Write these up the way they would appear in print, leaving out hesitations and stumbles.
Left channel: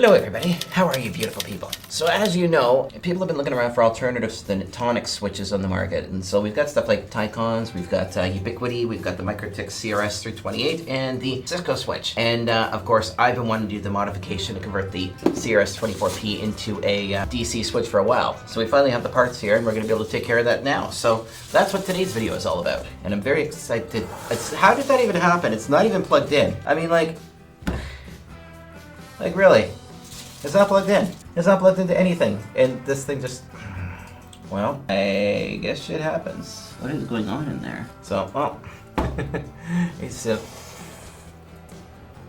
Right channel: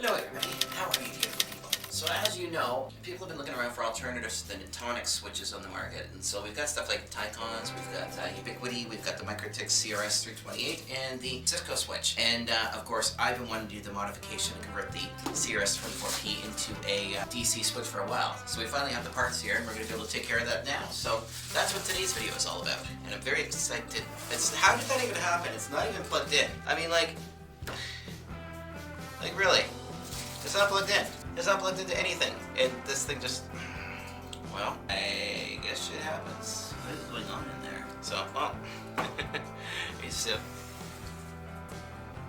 Hello everybody, how are you beautiful people? So as you know, people have been looking around for alternatives to the tonic switches on the market, and so we've got stuff like Tycons, we've got Ubiquiti, we've got the Mikrotik CRS 328, and the Cisco switch. And of course, I've been wanting to do the modification to convert the CRS 24P into a DC switch for a while. So we finally have the parts here, and we're going to be able to take care of that now. So that's what today's video is all about, and I'm very excited. How did that even happen? It's not even plugged in. I mean, like really. It's not plugged in. It's not plugged into anything. And this thing just, well, I guess shit happens. What is going on in there? So, oh. It's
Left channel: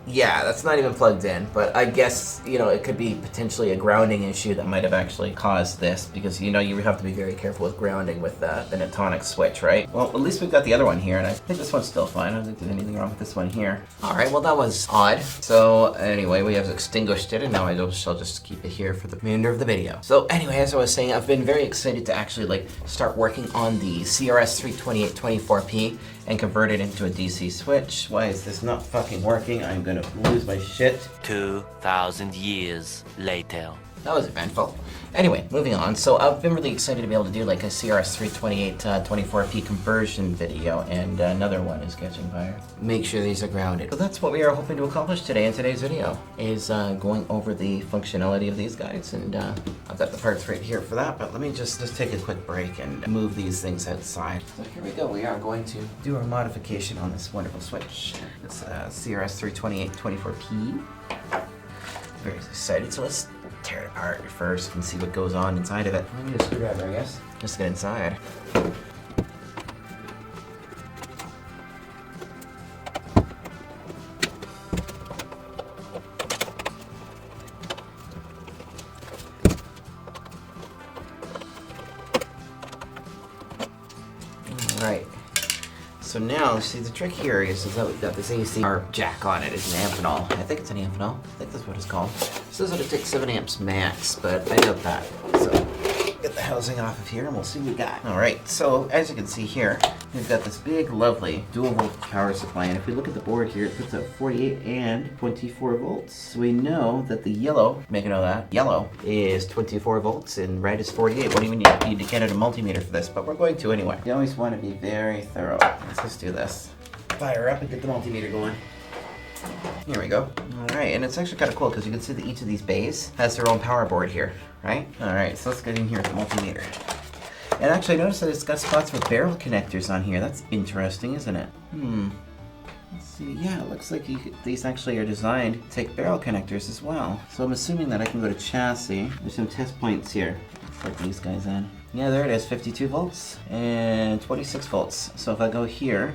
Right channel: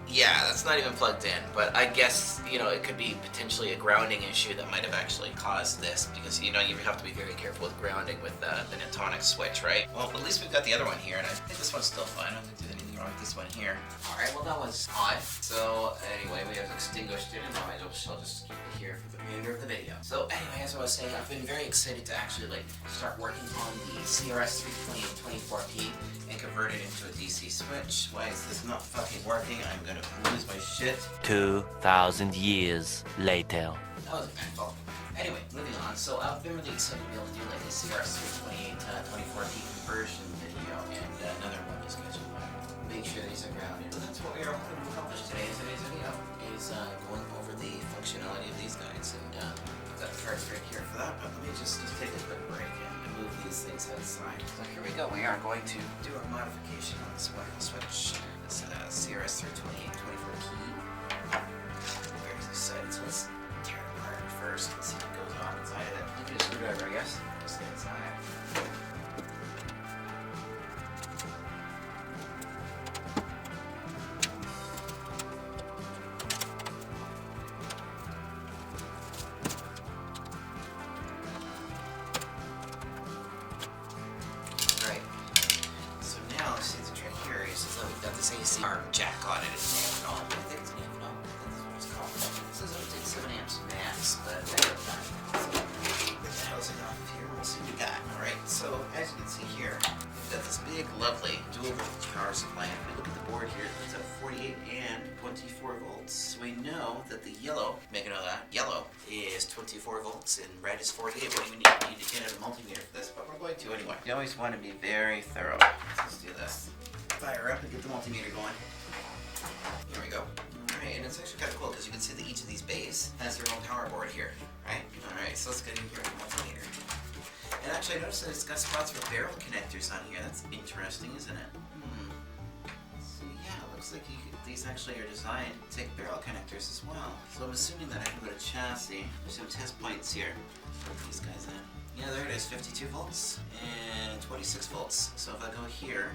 yeah, that's not even plugged in, but I guess, you know, it could be potentially a grounding issue that might have actually caused this, because, you know, you have to be very careful with grounding with the tonic switch, right? Well, at least we've got the other one here, and I think this one's still fine. I don't think there's anything wrong with this one here. All right, well, that was odd. So, anyway, we have extinguished it, and now shall just keep it here for the remainder of the video. So, anyway, as I was saying, I've been very excited to actually, like, start working on the CRS 328 24P and convert it into a DC switch. Why is this not fucking working? I'm gonna lose my shit. 2,000 years later. That was eventful. Anyway, moving on. So I've been really excited to be able to do like a CRS 328 24P conversion video, and another one is catching fire. Make sure these are grounded. So that's what we are hoping to accomplish today in today's video, is going over the functionality of these guys, and I've got the parts right here for that, but let me just take a quick break and move these things outside. So here we go. We are going to do our modification on this wonderful switch. This CRS 328 24P. Very excited. So let's tear it apart first and see what goes on inside of it. I need a screwdriver, I guess. Just get inside. Alright. So now, see, the trick here is that we've got this AC jack on it. It's an Amphenol. I think it's an Amphenol. I think that's what it's called. It says that it takes 7 amps max, but I doubt that. So, get the housing off of here and we'll see what we got. Alright, so as you can see here, we've got this big, lovely dual voltage power supply. And if we look at the board here, it puts out 48 and 24 volts. So we know that the yellow, make a note of that, yellow is 24 volts and red is 48. We don't even need to get out a multimeter for this, but we're going to anyway. You always want to be very thorough. Let's just do this. Fire up and get the multimeter going. Here we go. Alright, and it's actually kind of cool because you can see that each of these bays has their own power board here, right? Alright, so let's get in here with the multimeter. And actually, I noticed that it's got spots for barrel connectors on here. That's interesting, isn't it? Let's see. Yeah, it looks like these actually are designed to take barrel connectors as well. So I'm assuming that I can go to chassis. There's some test points here. Plug these guys in. Yeah, there it is. 52 volts and 26 volts. So if I go here,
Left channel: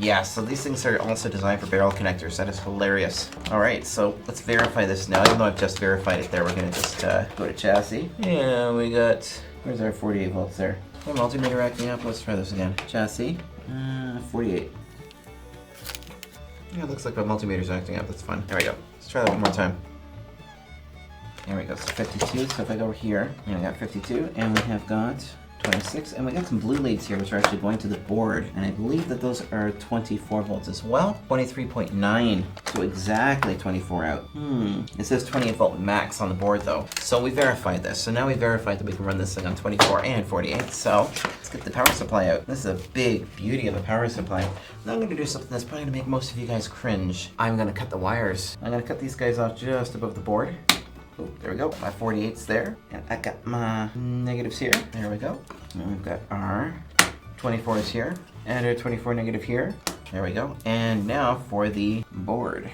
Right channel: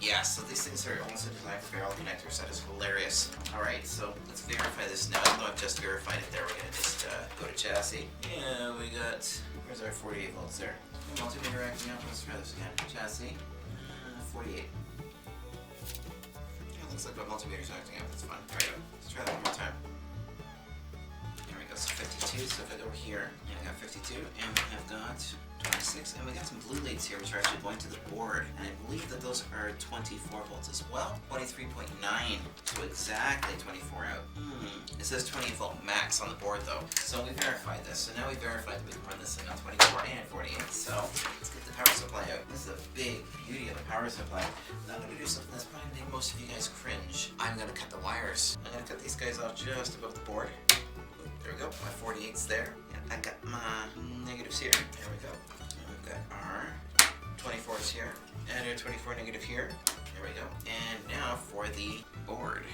yeah, so these things are also designed for barrel connectors. That is hilarious. Alright, so let's verify this now. Even though I've just verified it there, we're going to just go to chassis. Yeah, we got, where's our 48 volts there? Oh, multimeter acting up. Let's try this again. Chassis, 48. Yeah, it looks like my multimeter's acting up. That's fun. There we go. Let's try that one more time. There we go, so 52, so if I go over here, and we got 52, and we have got 26, and we got some blue leads here, which are actually going to the board, and I believe that those are 24 volts as well. 23.9, so exactly 24 out. It says 28 volt max on the board though. So we verified this, so now we verified that we can run this thing on 24 and 48, so let's get the power supply out. This is a big beauty of a power supply. Now I'm going to do something that's probably going to make most of you guys cringe. I'm going to cut the wires. I'm going to cut these guys off just above the board. Ooh, there we go, my 48's there, and I got my negatives here. There we go. And we've got our 24s here, and our 24 negative here. There we go. And now for the board.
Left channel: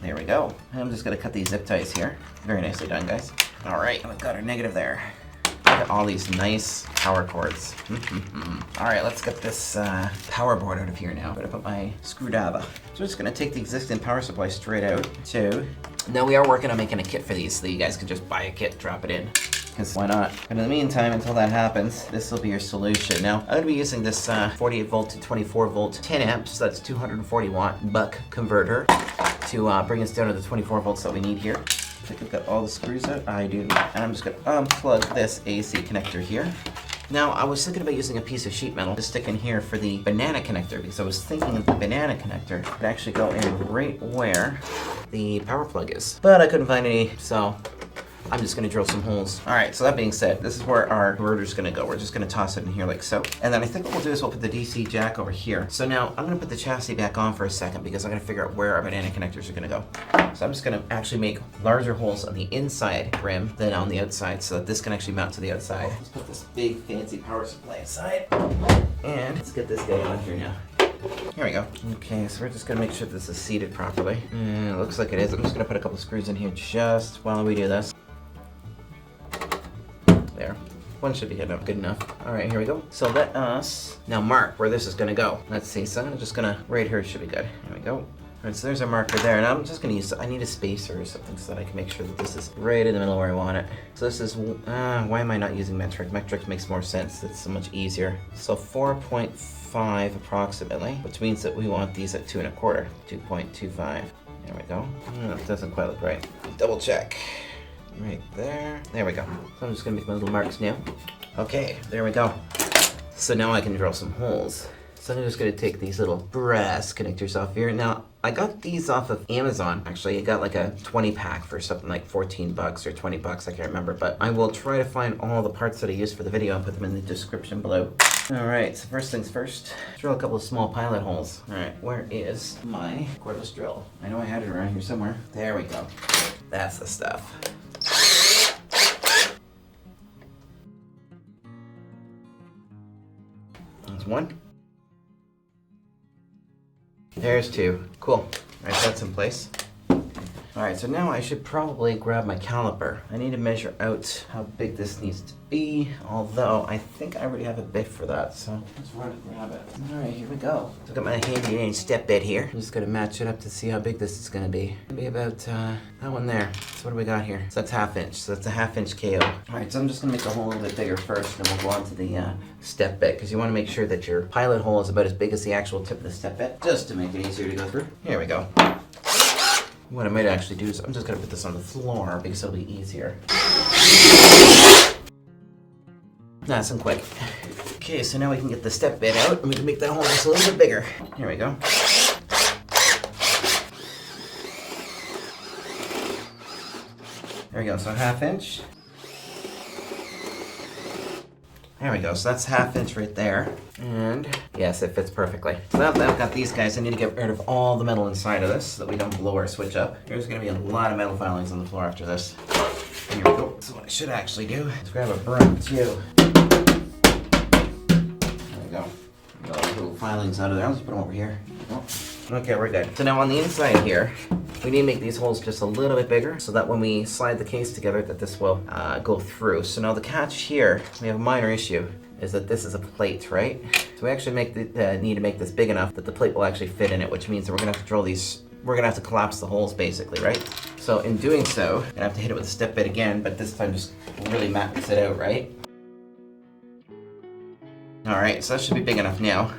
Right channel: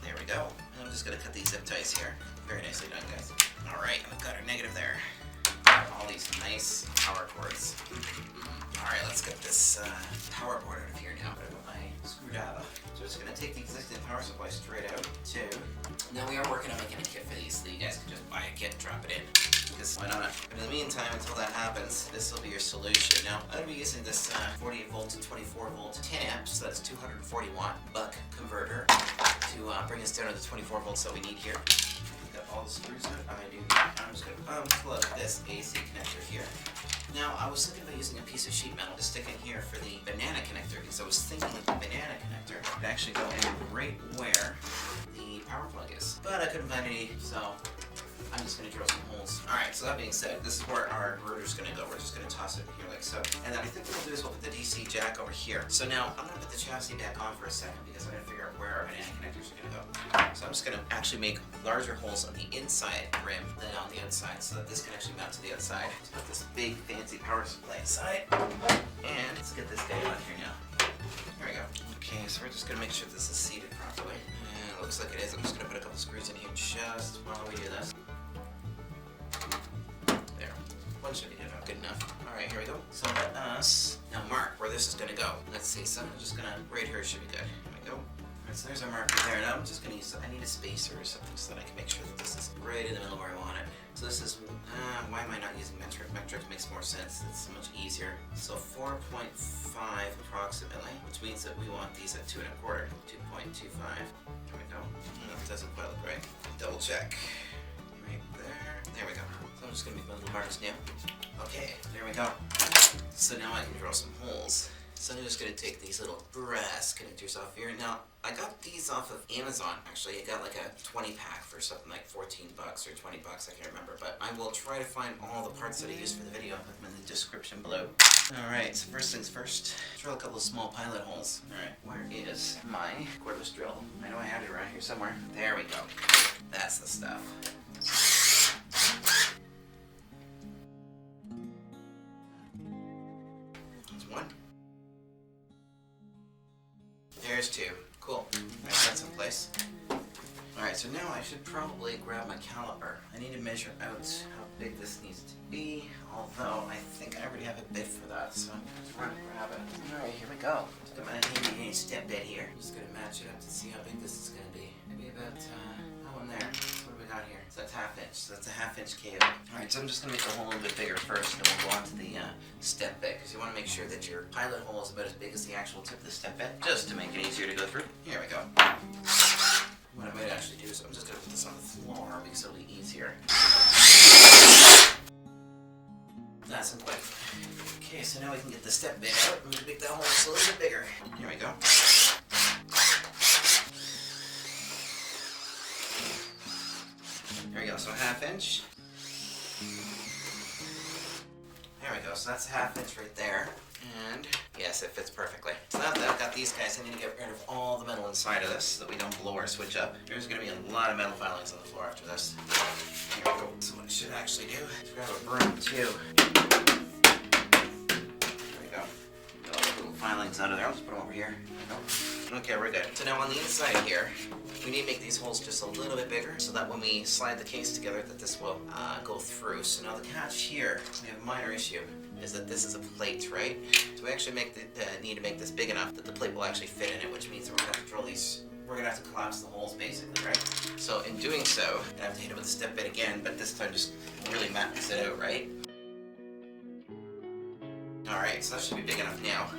There we go. And I'm just gonna cut these zip ties here. Very nicely done, guys. All right, we've got our negative there. Got all these nice power cords. All right, let's get this power board out of here now. I'm gonna put my screwdriver. So we're just gonna take the existing power supply straight out too. Now we are working on making a kit for these, so you guys can just buy a kit, drop it in. Because why not? But in the meantime, until that happens, this will be your solution. Now, I'm going to be using this 48 volt to 24 volt 10 amps, so that's 240 watt buck converter to bring us down to the 24 volts that we need here. I think I've got all the screws out. I do. And I'm just going to unplug this AC connector here. Now, I was thinking about using a piece of sheet metal to stick in here for the banana connector, because I was thinking that the banana connector could actually go in right where the power plug is. But I couldn't find any, so I'm just gonna drill some holes. All right, so that being said, this is where our converter's gonna go. We're just gonna toss it in here like so. And then I think what we'll do is we'll put the DC jack over here. So now I'm gonna put the chassis back on for a second because I'm gonna figure out where our banana connectors are gonna go. So I'm just gonna actually make larger holes on the inside rim than on the outside so that this can actually mount to the outside. Let's put this big fancy power supply aside. And let's get this guy on here now. Here we go. Okay, so we're just gonna make sure this is seated properly. And it looks like it is. I'm just gonna put a couple screws in here just while we do this. There. One should be good enough. All right, here we go. So let us now mark where this is gonna go. Let's see, so I'm just gonna, right here should be good. Here we go. All right, so there's our marker there, and I'm just gonna use, I need a spacer or something so that I can make sure that this is right in the middle where I want it. So this is, why am I not using metric? Metric makes more sense, it's so much easier. So 4.5 approximately, which means that we want these at 2 1/4, 2.25. There we go. It doesn't quite look right. Double check. Right there. There we go. So I'm just gonna make my little marks now. Okay, there we go. So now I can drill some holes. So I'm just gonna take these little brass connectors off here. Now, I got these off of Amazon. Actually, I got like a 20 pack for something like 14 bucks or 20 bucks, I can't remember. But I will try to find all the parts that I used for the video and put them in the description below. All right, so first things first, drill a couple of small pilot holes. All right, where is my cordless drill? I know I had it around here somewhere. There we go. That's the stuff. There's one. There's two. Cool. Alright, that's in place. Alright, so now I should probably grab my caliper. I need to measure out how big this needs to be, although I think I already have a bit for that, so let's run and grab it. Alright, here we go. So I've got my handy dandy step bit here. I'm just gonna match it up to see how big this is gonna be. Maybe about that one there. So what do we got here? So that's 1/2 inch. So that's a 1/2 inch KO. Alright, so I'm just gonna make the hole a little bit bigger first, and then we'll go on to the step bit, because you want to make sure that your pilot hole is about as big as the actual tip of the step bit, just to make it easier to go through. Here we go. What I might actually do is I'm just gonna put this on the floor because it'll be easier. Nice and quick. Okay, so now we can get the step bit out and we can make that hole just a little bit bigger. Here we go. There we go, so 1/2 inch. There we go, so that's 1/2 inch right there. And yes, it fits perfectly. So now that I've got these guys, I need to get rid of all the metal inside of this so that we don't blow our switch up. There's gonna be a lot of metal filings on the floor after this. Here we go. So what I should actually do is grab a broom too. There we go. Get all those little filings out of there. I'll just put them over here. There we go. Okay, we're good. So now on the inside here, we need to make these holes just a little bit bigger so that when we slide the case together that this will go through. So now the catch here, we have a minor issue, is that this is a plate, right? So we actually need to make this big enough that the plate will actually fit in it, which means that we're gonna have to drill these, we're gonna have to collapse the holes basically, right? So in doing so, I'm gonna have to hit it with a step bit again, but this time just really max it out, right? All right, so that should be big enough now.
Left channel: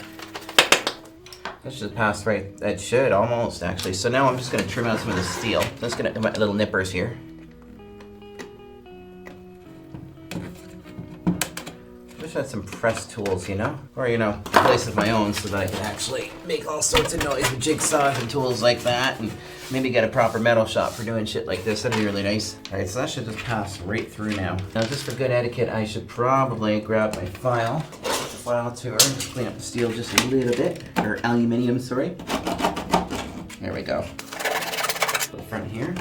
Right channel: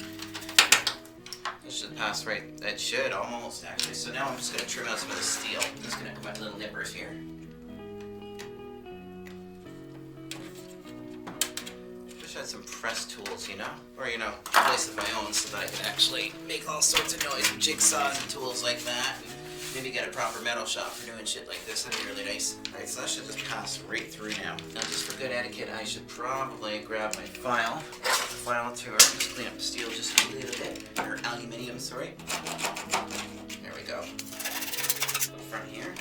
That should pass right, it should almost actually. So now I'm just gonna trim out some of the steel. I'm just gonna put my little nippers here. Wish I had some press tools, you know? Or, you know, a place of my own so that I can actually make all sorts of noise with jigsaws and tools like that, and maybe get a proper metal shop for doing shit like this. That'd be really nice. Alright, so that should just pass right through now. Now, just for good etiquette, I should probably grab my file tool and just clean up the steel just a little bit, or aluminium, sorry. There we go. Go front here.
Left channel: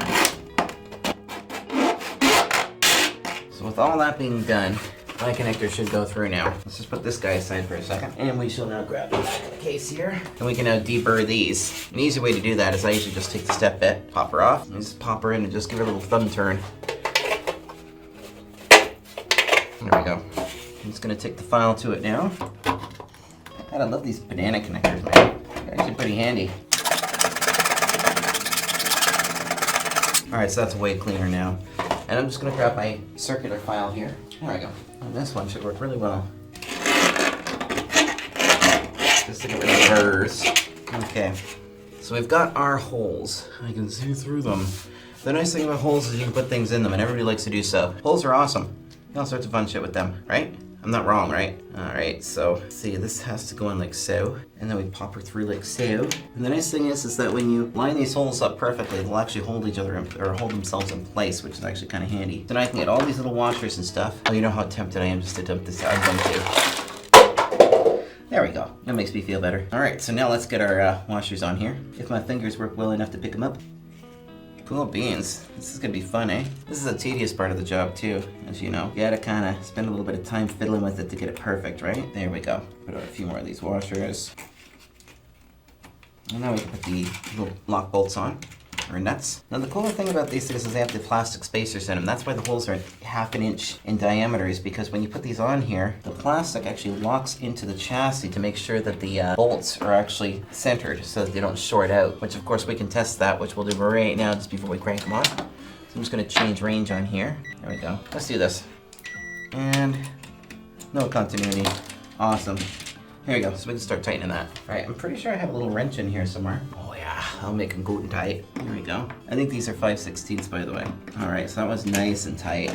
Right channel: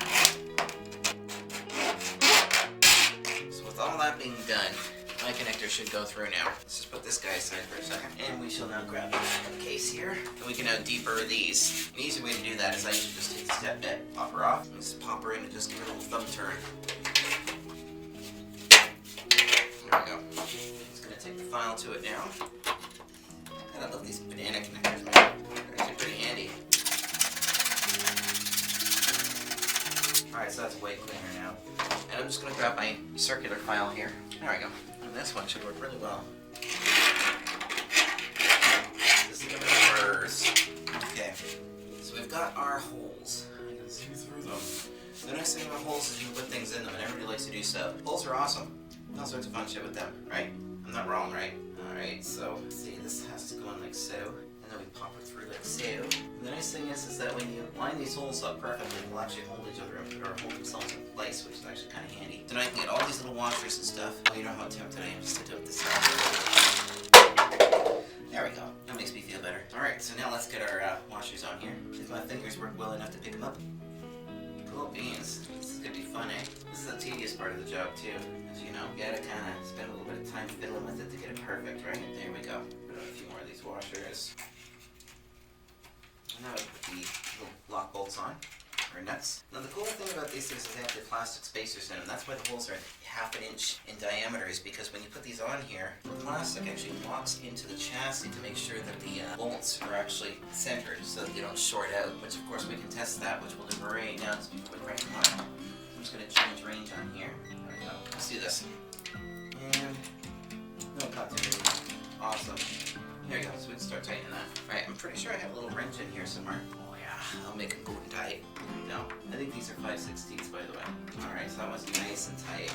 So with all that being done, my connector should go through now. Let's just put this guy aside for a second. And we shall now grab the back of the case here. And we can now deburr these. An easy way to do that is I usually just take the step bit, pop her off, and just pop her in and just give her a little thumb turn. There we go. I'm just gonna take the file to it now. God, I love these banana connectors, man. They're actually pretty handy. Alright, so that's way cleaner now. And I'm just gonna grab my circular file here. There we go. And this one should work really well. Just to get rid of burrs. Okay. So we've got our holes. I can see through them. The nice thing about holes is you can put things in them, and everybody likes to do so. Holes are awesome. All sorts of fun shit with them, right? I'm not wrong, right? Alright, so see, this has to go in like so, and then we pop her through like so. And the nice thing is that when you line these holes up perfectly, they'll actually hold each other or hold themselves in place, which is actually kind of handy. So now I can get all these little washers and stuff. Oh, you know how tempted I am just to dump this out. There we go. That makes me feel better. Alright, so now let's get our washers on here. If my fingers work well enough to pick them up. Cool beans. This is gonna be fun, eh? This is a tedious part of the job too, as you know. You gotta kinda spend a little bit of time fiddling with it to get it perfect, right? There we go. Put a few more of these washers. And now we can put the little lock bolts on, or nuts. Now the cooler thing about these things is they have the plastic spacers in them. That's why the holes are ½ an inch in diameter, is because when you put these on here, the plastic actually locks into the chassis to make sure that the bolts are actually centered so that they don't short out, which of course we can test that, which we'll do right now just before we crank them on. So I'm just gonna change range on here. There we go. Let's do this. And no continuity. Awesome. Here we go, so we can start tightening that. All right, I'm pretty sure I have a little wrench in here somewhere. Oh yeah, I'll make them good and tight. There we go. I think these are 5/16 by the way. All right, so that was nice and tight.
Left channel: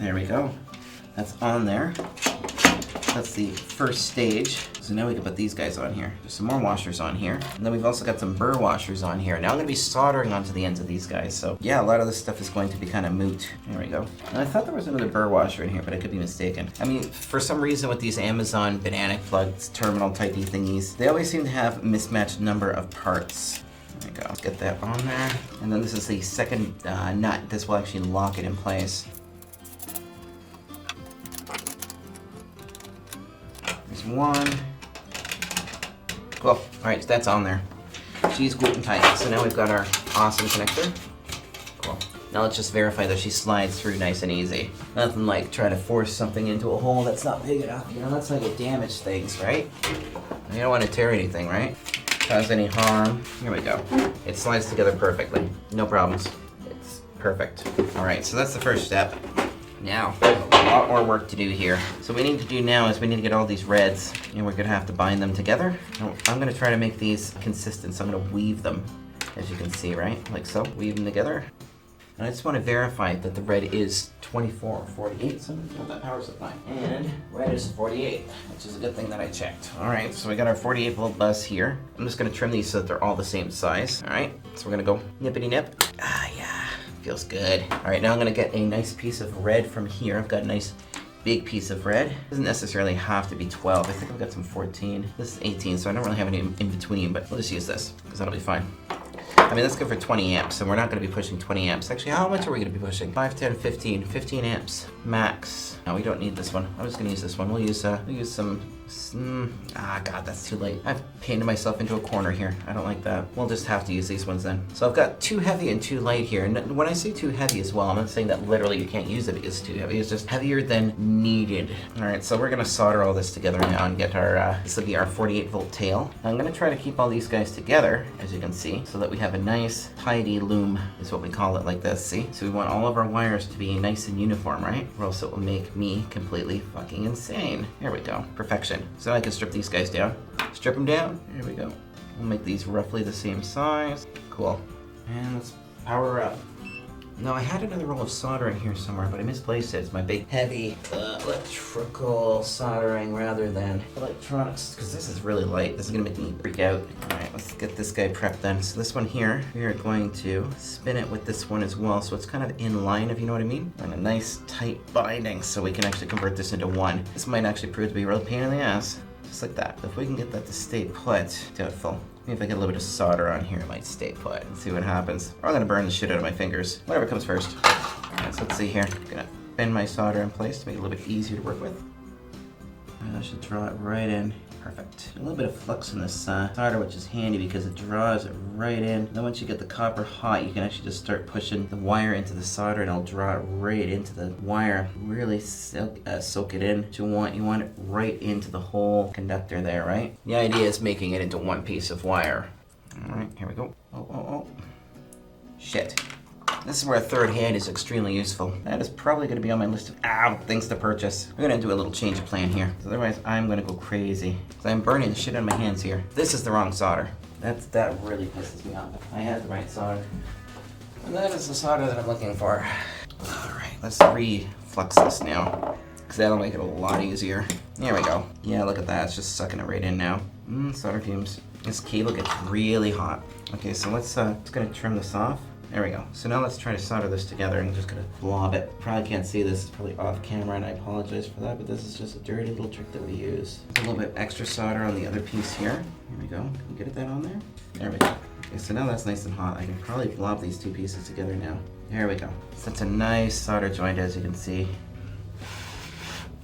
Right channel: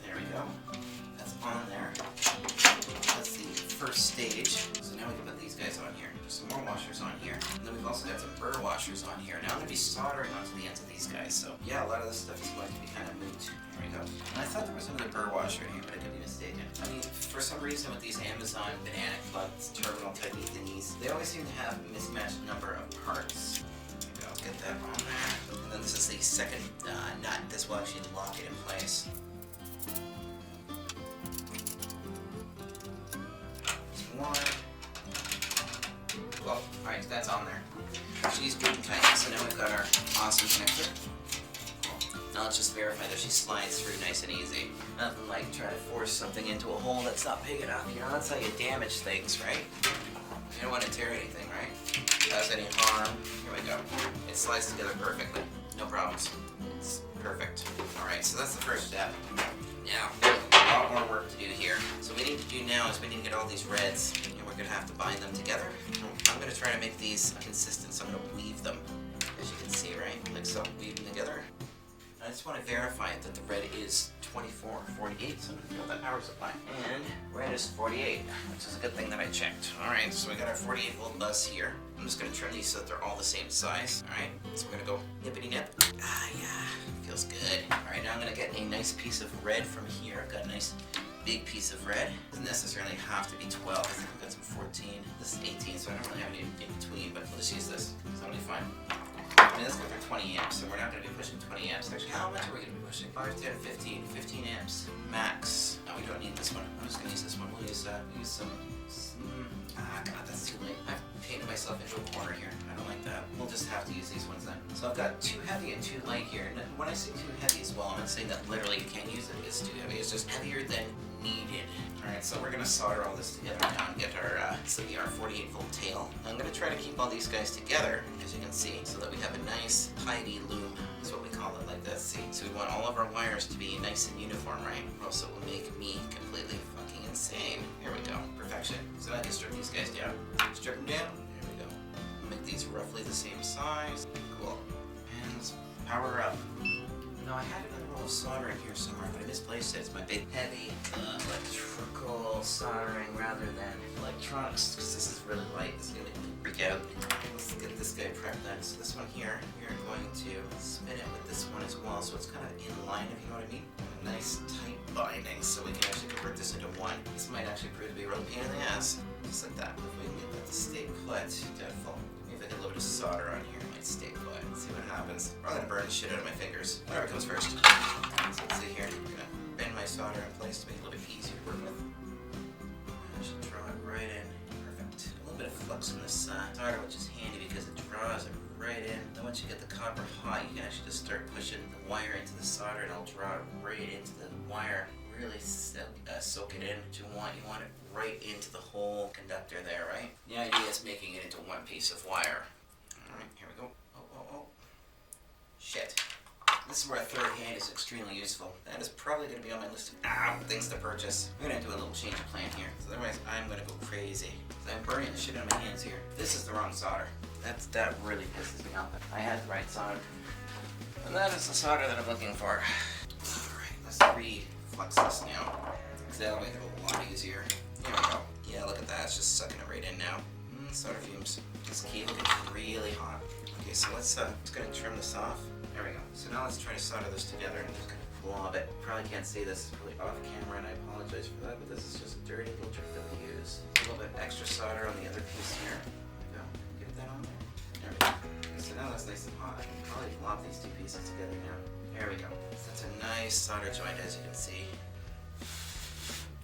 There we go. That's on there. That's the first stage. So now we can put these guys on here. There's some more washers on here. And then we've also got some burr washers on here. Now I'm gonna be soldering onto the ends of these guys. So yeah, a lot of this stuff is going to be kind of moot. There we go. And I thought there was another burr washer in here, but I could be mistaken. I mean, for some reason with these Amazon banana plugs, terminal typey thingies, they always seem to have a mismatched number of parts. There we go. Let's get that on there. And then this is the second nut. This will actually lock it in place. There's one. Cool. Alright, so that's on there. She's good and tight. So now we've got our awesome connector. Cool. Now let's just verify that she slides through nice and easy. Nothing like trying to force something into a hole that's not big enough. You know, that's how you damage things, right? You don't want to tear anything, right? Cause any harm. Here we go. It slides together perfectly. No problems. It's perfect. Alright, so that's the first step. Now, there's a lot more work to do here. So what we need to do now is we need to get all these reds, and we're gonna have to bind them together. I'm gonna try to make these consistent, so I'm gonna weave them, as you can see, right? Like so, weave them together. And I just wanna verify that the red is 24 or 48, so I'm gonna fill that power supply. And red is 48, which is a good thing that I checked. All right, so we got our 48 volt bus here. I'm just gonna trim these so that they're all the same size. All right, so we're gonna go nippity nip. Ah, yeah. Feels good. All right, now I'm gonna get a nice piece of red from here. I've got a nice big piece of red. Doesn't necessarily have to be 12. I think I've got some 14. This is 18, so I don't really have any in between, but we'll just use this, because that'll be fine. I mean, that's good for 20 amps, so we're not gonna be pushing 20 amps. Actually, how much are we gonna be pushing? 5, 10, 15, 15 amps max. No, we don't need this one. I'm just gonna use this one. We'll use some, God, that's too late. I've painted myself into a corner here. I don't like that. We'll just have to use these ones then. So I've got 2 heavy and 2 light here. And when I say 2 heavy as well, I'm not saying that literally you can't use it because it's too heavy. It's just heavier than needed. All right, so we're gonna solder all this together now and get our, this will be our 48 volt tail. I'm gonna try to keep all these guys together, as you can see, so that we have a nice tidy loom, is what we call it, like this, see? So we want all of our wires to be nice and uniform, right? Or else it will make me completely fucking insane. Here we go, perfection. So I can strip these guys down. Strip them down, here we go. We'll make these roughly the same size. Cool. And let's power up. Now I had another roll of solder in here somewhere, but I misplaced it. It's my big heavy electrical soldering rather than electronics, because this is really light. This is gonna make me freak out. All right, let's get this guy prepped then. So this one here, we are going to spin it with this one as well, so it's kind of in line, if you know what I mean. And a nice tight binding, so we can actually convert this into one. This might actually prove to be a real pain in the ass. Just like that. If we can get that to stay put, doubtful. Maybe if I get a little bit of solder on here, it might stay put. Let's see what happens. Or I'm gonna burn the shit out of my fingers. Whatever comes first. Alright, so let's see here. I'm gonna bend my solder in place to make it a little bit easier to work with. And I should draw it right in. Perfect. A little bit of flux in this solder, which is handy because it draws it right in. Then once you get the copper hot, you can actually just start pushing the wire into the solder and it'll draw it right into the wire. Really soak it in. You want it right into the whole conductor there, right? The idea is making it into one piece of wire. Alright, here we go. Oh. Shit. This is where a third hand is extremely useful. That is probably going to be on my list of things to purchase. We're going to do a little change of plan here. Otherwise, I'm going to go crazy. I'm burning the shit out of my hands here. This is the wrong solder. That really pisses me off. I had the right solder. And that is the solder that I'm looking for. Alright, let's reflux this now. because that'll make it a lot easier. There we go. Yeah, look at that. It's just sucking it right in now. Solder fumes. This cable gets really hot. Okay, so let's just gonna trim this off. There we go. So now let's try to solder this together, and I'm just gonna blob it. Probably can't see this, it's probably off camera, and I apologize for that, but this is just a dirty little trick that we use. A little bit extra solder on the other piece here. Here we go. Can you get that on there? There we go. Okay, so now that's nice and hot. I can probably blob these two pieces together now. There we go. So that's a nice solder joint, as you can see.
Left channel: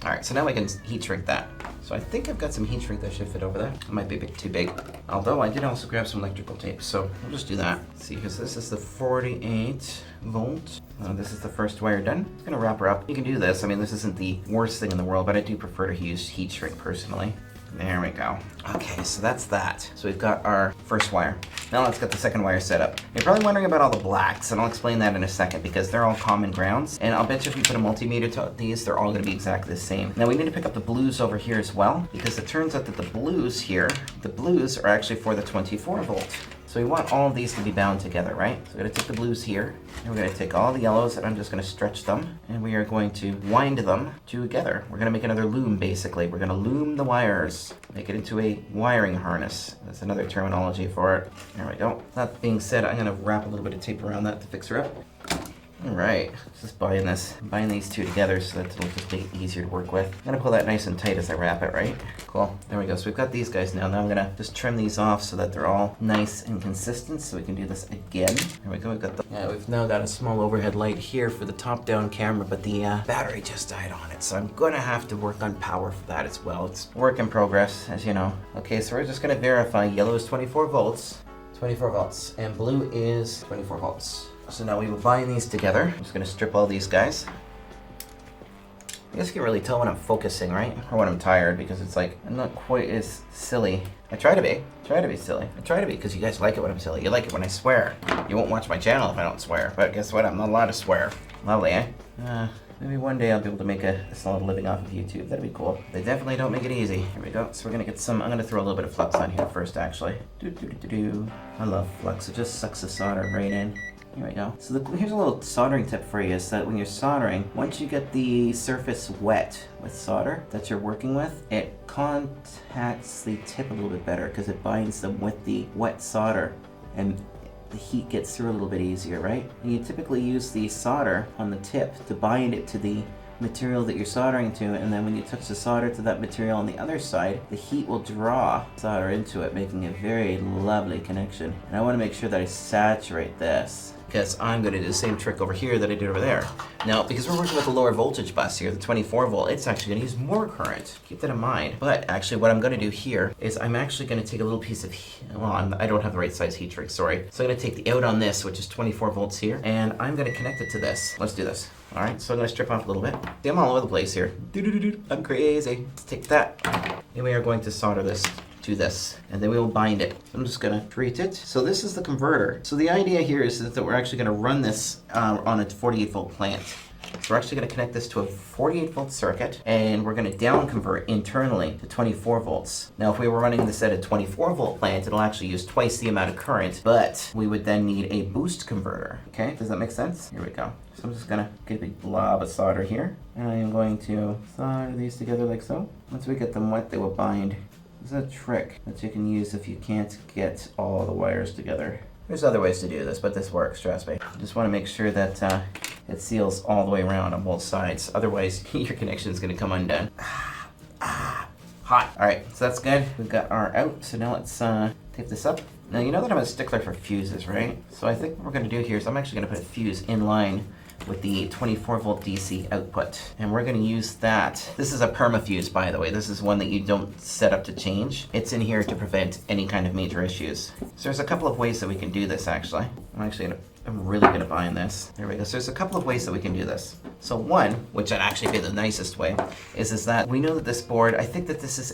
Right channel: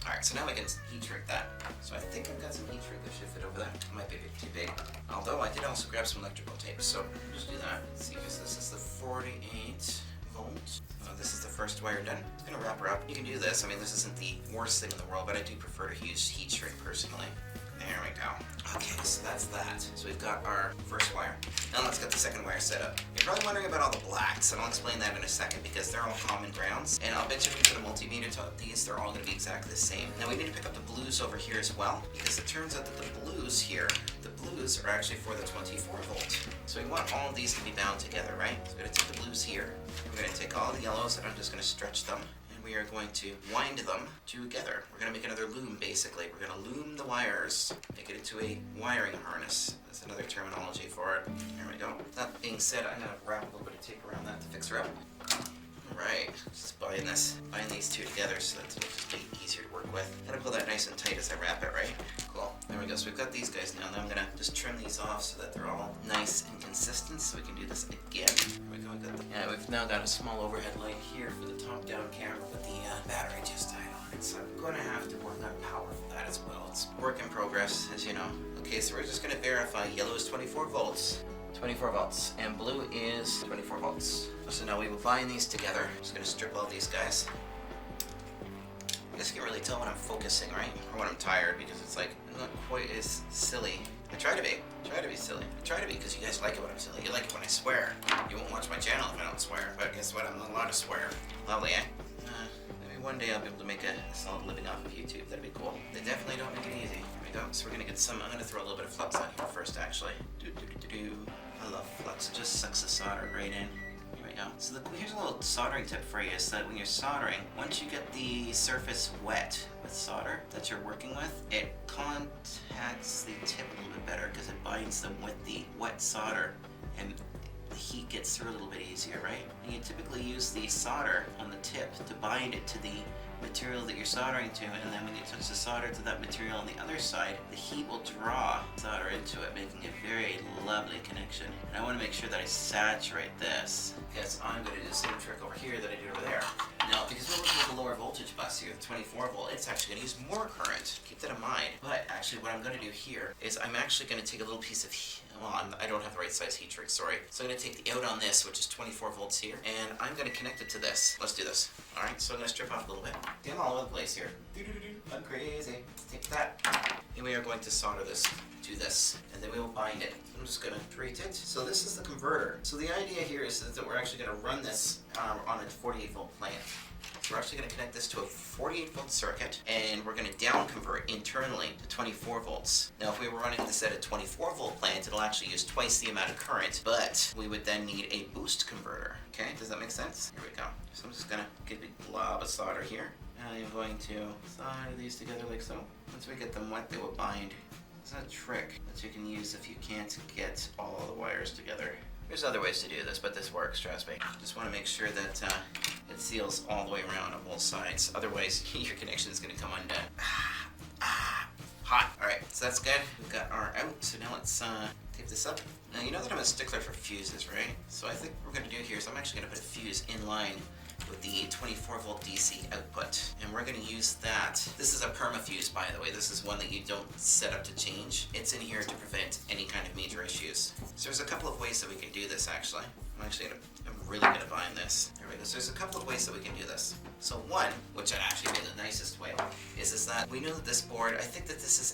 Alright, so now we can heat shrink that. So I think I've got some heat shrink that should fit over there. It might be a bit too big. Although I did also grab some electrical tape, so we'll just do that. Let's see, because this is the 48 volt. This is the first wire done. It's gonna wrap her up. You can do this. I mean, this isn't the worst thing in the world, but I do prefer to use heat shrink personally. There we go. Okay, so that's that. So we've got our first wire. Now let's get the second wire set up. You're probably wondering about all the blacks, and I'll explain that in a second because they're all common grounds. And I'll bet you if you put a multimeter to these, they're all gonna be exactly the same. Now we need to pick up the blues over here as well, because it turns out that the blues here, the blues are actually for the 24 volt. So we want all of these to be bound together, right? So we're gonna take the blues here, and we're gonna take all the yellows, and I'm just gonna stretch them, and we are going to wind them together. We're gonna make another loom, basically. We're gonna loom the wires, make it into a wiring harness. That's another terminology for it. There we go. That being said, I'm gonna wrap a little bit of tape around that to fix her up. Alright, just bind these two together so that it'll just make it easier to work with. I'm gonna pull that nice and tight as I wrap it, right? Cool, there we go. So we've got these guys now. Now I'm gonna just trim these off so that they're all nice and consistent so we can do this again. There we go, we've now got a small overhead light here for the top-down camera, but the battery just died on it, so I'm gonna have to work on power for that as well. It's work in progress, as you know. Okay, so we're just gonna verify yellow is 24 volts, and blue is 24 volts. So now we will bind these together. I'm just gonna strip all these guys. I guess you can really tell when I'm focusing, right? Or when I'm tired, because it's like, I'm not quite as silly. I try to be silly. I try to be, because you guys like it when I'm silly. You like it when I swear. You won't watch my channel if I don't swear, but guess what? I'm not allowed to swear. Lovely, eh? Maybe one day I'll be able to make a solid living off of YouTube. That'd be cool. They definitely don't make it easy. Here we go. So we're gonna get some, I'm gonna throw a little bit of flux on here first, actually. I love flux. It just sucks the solder right in. Here we go. So here's a little soldering tip for you, is that when you're soldering, once you get the surface wet with solder that you're working with, it contacts the tip a little bit better because it binds them with the wet solder, and the heat gets through a little bit easier, right? And you typically use the solder on the tip to bind it to the material that you're soldering to, and then when you touch the solder to that material on the other side, the heat will draw solder into it, making a very lovely connection. And I want to make sure that I saturate this, because I'm going to do the same trick over here that I did over there. Now, because we're working with a lower voltage bus here, the 24 volt, it's actually going to use more current. Keep that in mind. But actually what I'm going to do here is I'm actually going to take a little piece of, I don't have the right size heat shrink, sorry. So I'm going to take the out on this, which is 24 volts here, and I'm going to connect it to this. Let's do this. Alright, so I'm going to strip off a little bit. See, I'm all over the place here. I'm crazy. Let's take that. And we are going to solder this to this, and then we will bind it. I'm just gonna treat it. So this is the converter. So the idea here is that we're actually gonna run this on a 48 volt plant. So we're actually gonna connect this to a 48 volt circuit, and we're gonna down convert internally to 24 volts. Now if we were running this at a 24 volt plant, it'll actually use twice the amount of current, but we would then need a boost converter. Okay, does that make sense? Here we go. So I'm just gonna get a big blob of solder here, and I am going to solder these together like so. Once we get them wet, they will bind. This is a trick that you can use if you can't get all the wires together. There's other ways to do this, but this works, trust me. You just want to make sure that it seals all the way around on both sides. Otherwise, your connection is going to come undone. Hot. Alright, so that's good. We've got our out. So now let's tape this up. Now you know that I'm a stickler for fuses, right? So I think what we're going to do here is I'm actually going to put a fuse in line with the 24 volt DC output, and we're going to use that. This is a perma fuse, by the way. This is one that you don't set up to change. It's in here to prevent any kind of major issues. So there's a couple of ways that we can do this, actually. I'm really going to bind this. There we go. So there's a couple of ways that we can do this. So one, which I'd actually be the nicest way, is that we know that this board, I think that this is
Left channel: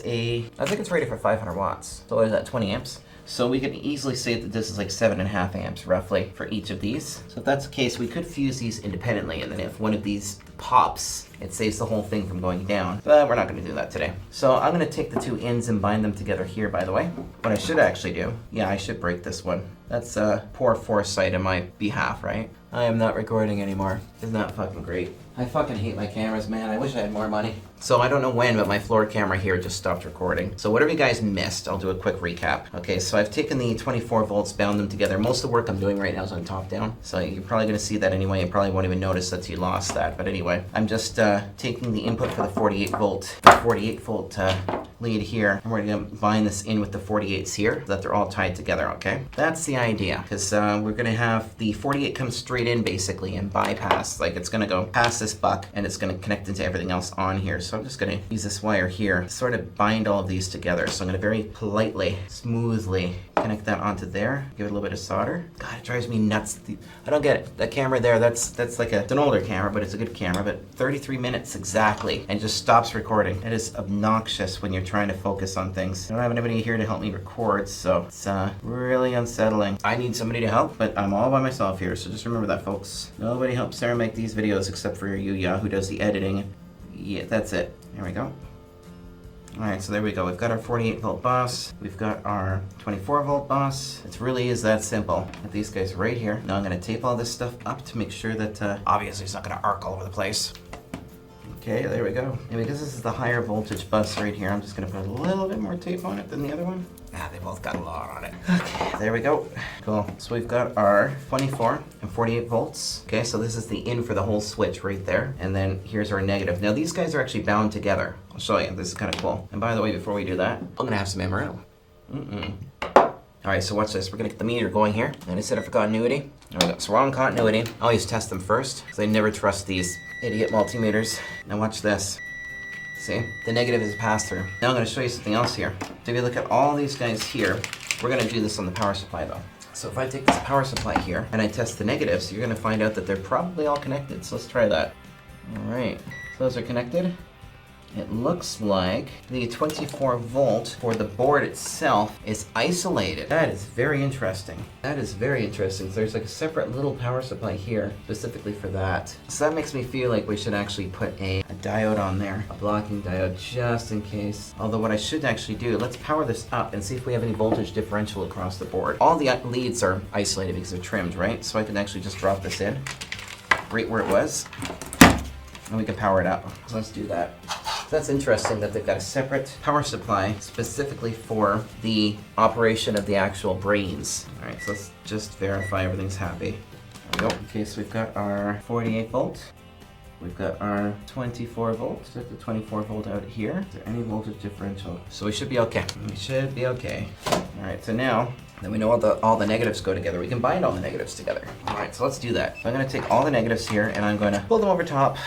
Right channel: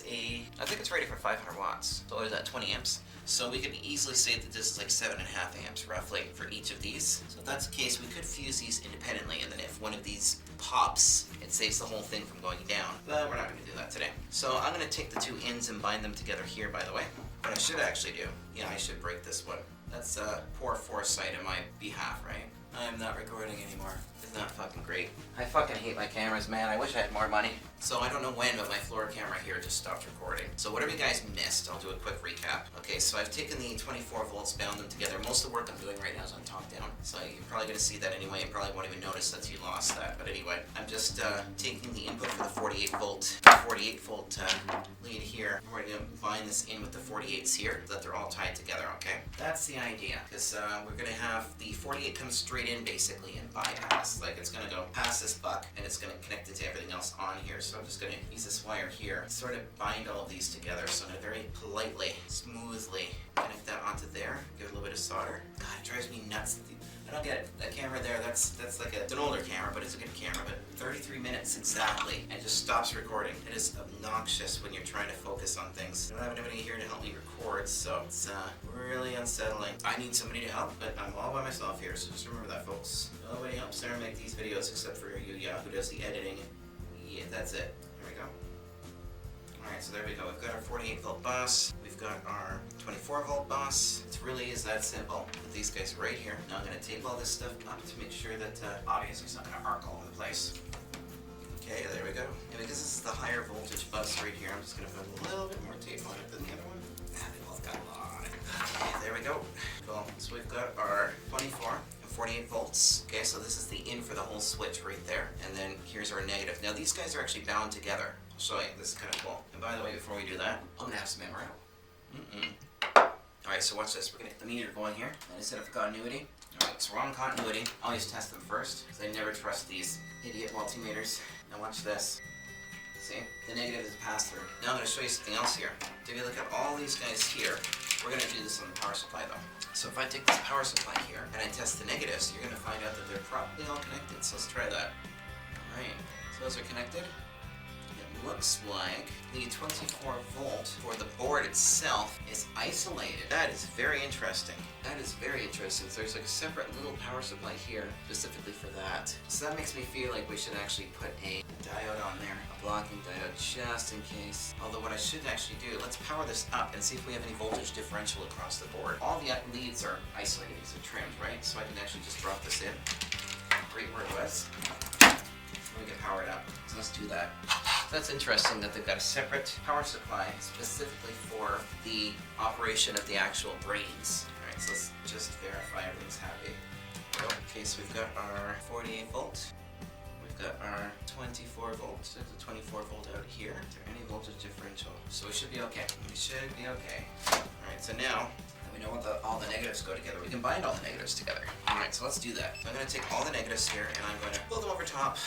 I think it's rated for 500 watts. So what is that, 20 amps? So we can easily say that this is like 7.5 amps roughly for each of these. So if that's the case, we could fuse these independently, and then if one of these pops, it saves the whole thing from going down. But we're not going to do that today. So I'm going to take the two ends and bind them together here, by the way. What I should actually do, I should break this one. That's poor foresight on my behalf, right? I am not recording anymore. Isn't that fucking great? I fucking hate my cameras, man. I wish I had more money. So I don't know when, but my floor camera here just stopped recording. So whatever you guys missed, I'll do a quick recap. Okay, so I've taken the 24 volts, bound them together. Most of the work I'm doing right now is on top down. So you're probably gonna see that anyway. You probably won't even notice that you lost that. But anyway, I'm just taking the input for the 48 volt lead here, and we're gonna bind this in with the 48s here so that they're all tied together, okay? That's the idea, because we're gonna have the 48 come straight in basically and bypass. Like it's gonna go past this buck and it's gonna connect into everything else on here. So I'm just gonna use this wire here to sort of bind all of these together. So I'm gonna very politely, smoothly connect that onto there. Give it a little bit of solder. God, it drives me nuts. I don't get it. That camera there, that's like it's an older camera, but it's a good camera. But 33 minutes exactly, and just stops recording. It is obnoxious when you're trying to focus on things. I don't have anybody here to help me record, so it's really unsettling. I need somebody to help, but I'm all by myself here, so just remember that, folks. Nobody helps Sarah make these videos except for Yuya, who does the editing. Yeah, that's it. There we go. Alright, so there we go. We've got our 48 volt bus. We've got our 24 volt bus. It really is that simple. With these guys right here. Now I'm going to tape all this stuff up to make sure that obviously it's not going to arc all over the place. Okay, there we go. And because this is the higher voltage bus right here, I'm just going to put a little bit more tape on it than the other one. They both got a lot on it. Okay, there we go. Cool. So we've got our 24 and 48 volts. Okay, so this is the in for the whole switch right there. And then here's our negative. Now these guys are actually bound together. I'll show you. This is kind of cool. And by the way, before we do that, I'm going to have some MRL. Alright, so watch this. We're going to get the meter going here. And I set it for continuity. There we go. So we're on continuity. I always test them first, because I never trust these idiot multimeters. Now watch this. See? The negative is a pass-through. Now I'm going to show you something else here. So if you look at all these guys here, we're going to do this on the power supply though. So if I take this power supply here and I test the negatives, you're going to find out that they're probably all connected. So let's try that. Alright, so those are connected. It looks like the 24 volt for the board itself is isolated. That is very interesting. That is very interesting. So there's like a separate little power supply here specifically for that. So that makes me feel like we should actually put a diode on there, a blocking diode just in case. Although what I should actually do, let's power this up and see if we have any voltage differential across the board. All the leads are isolated because they're trimmed, right? So I can actually just drop this in right where it was and we can power it up. So let's do that. That's interesting that they've got a separate power supply specifically for the operation of the actual brains. Alright, so let's just verify everything's happy. There we go. Okay, so we've got our 48 volt. We've got our 24 volt. Set the 24 volt out here. Is there any voltage differential? So we should be okay. We should be okay. Alright, so now that we know all the negatives go together, we can bind all the negatives together. Alright, so let's do that. So I'm going to take all the negatives here and I'm going to pull them over top.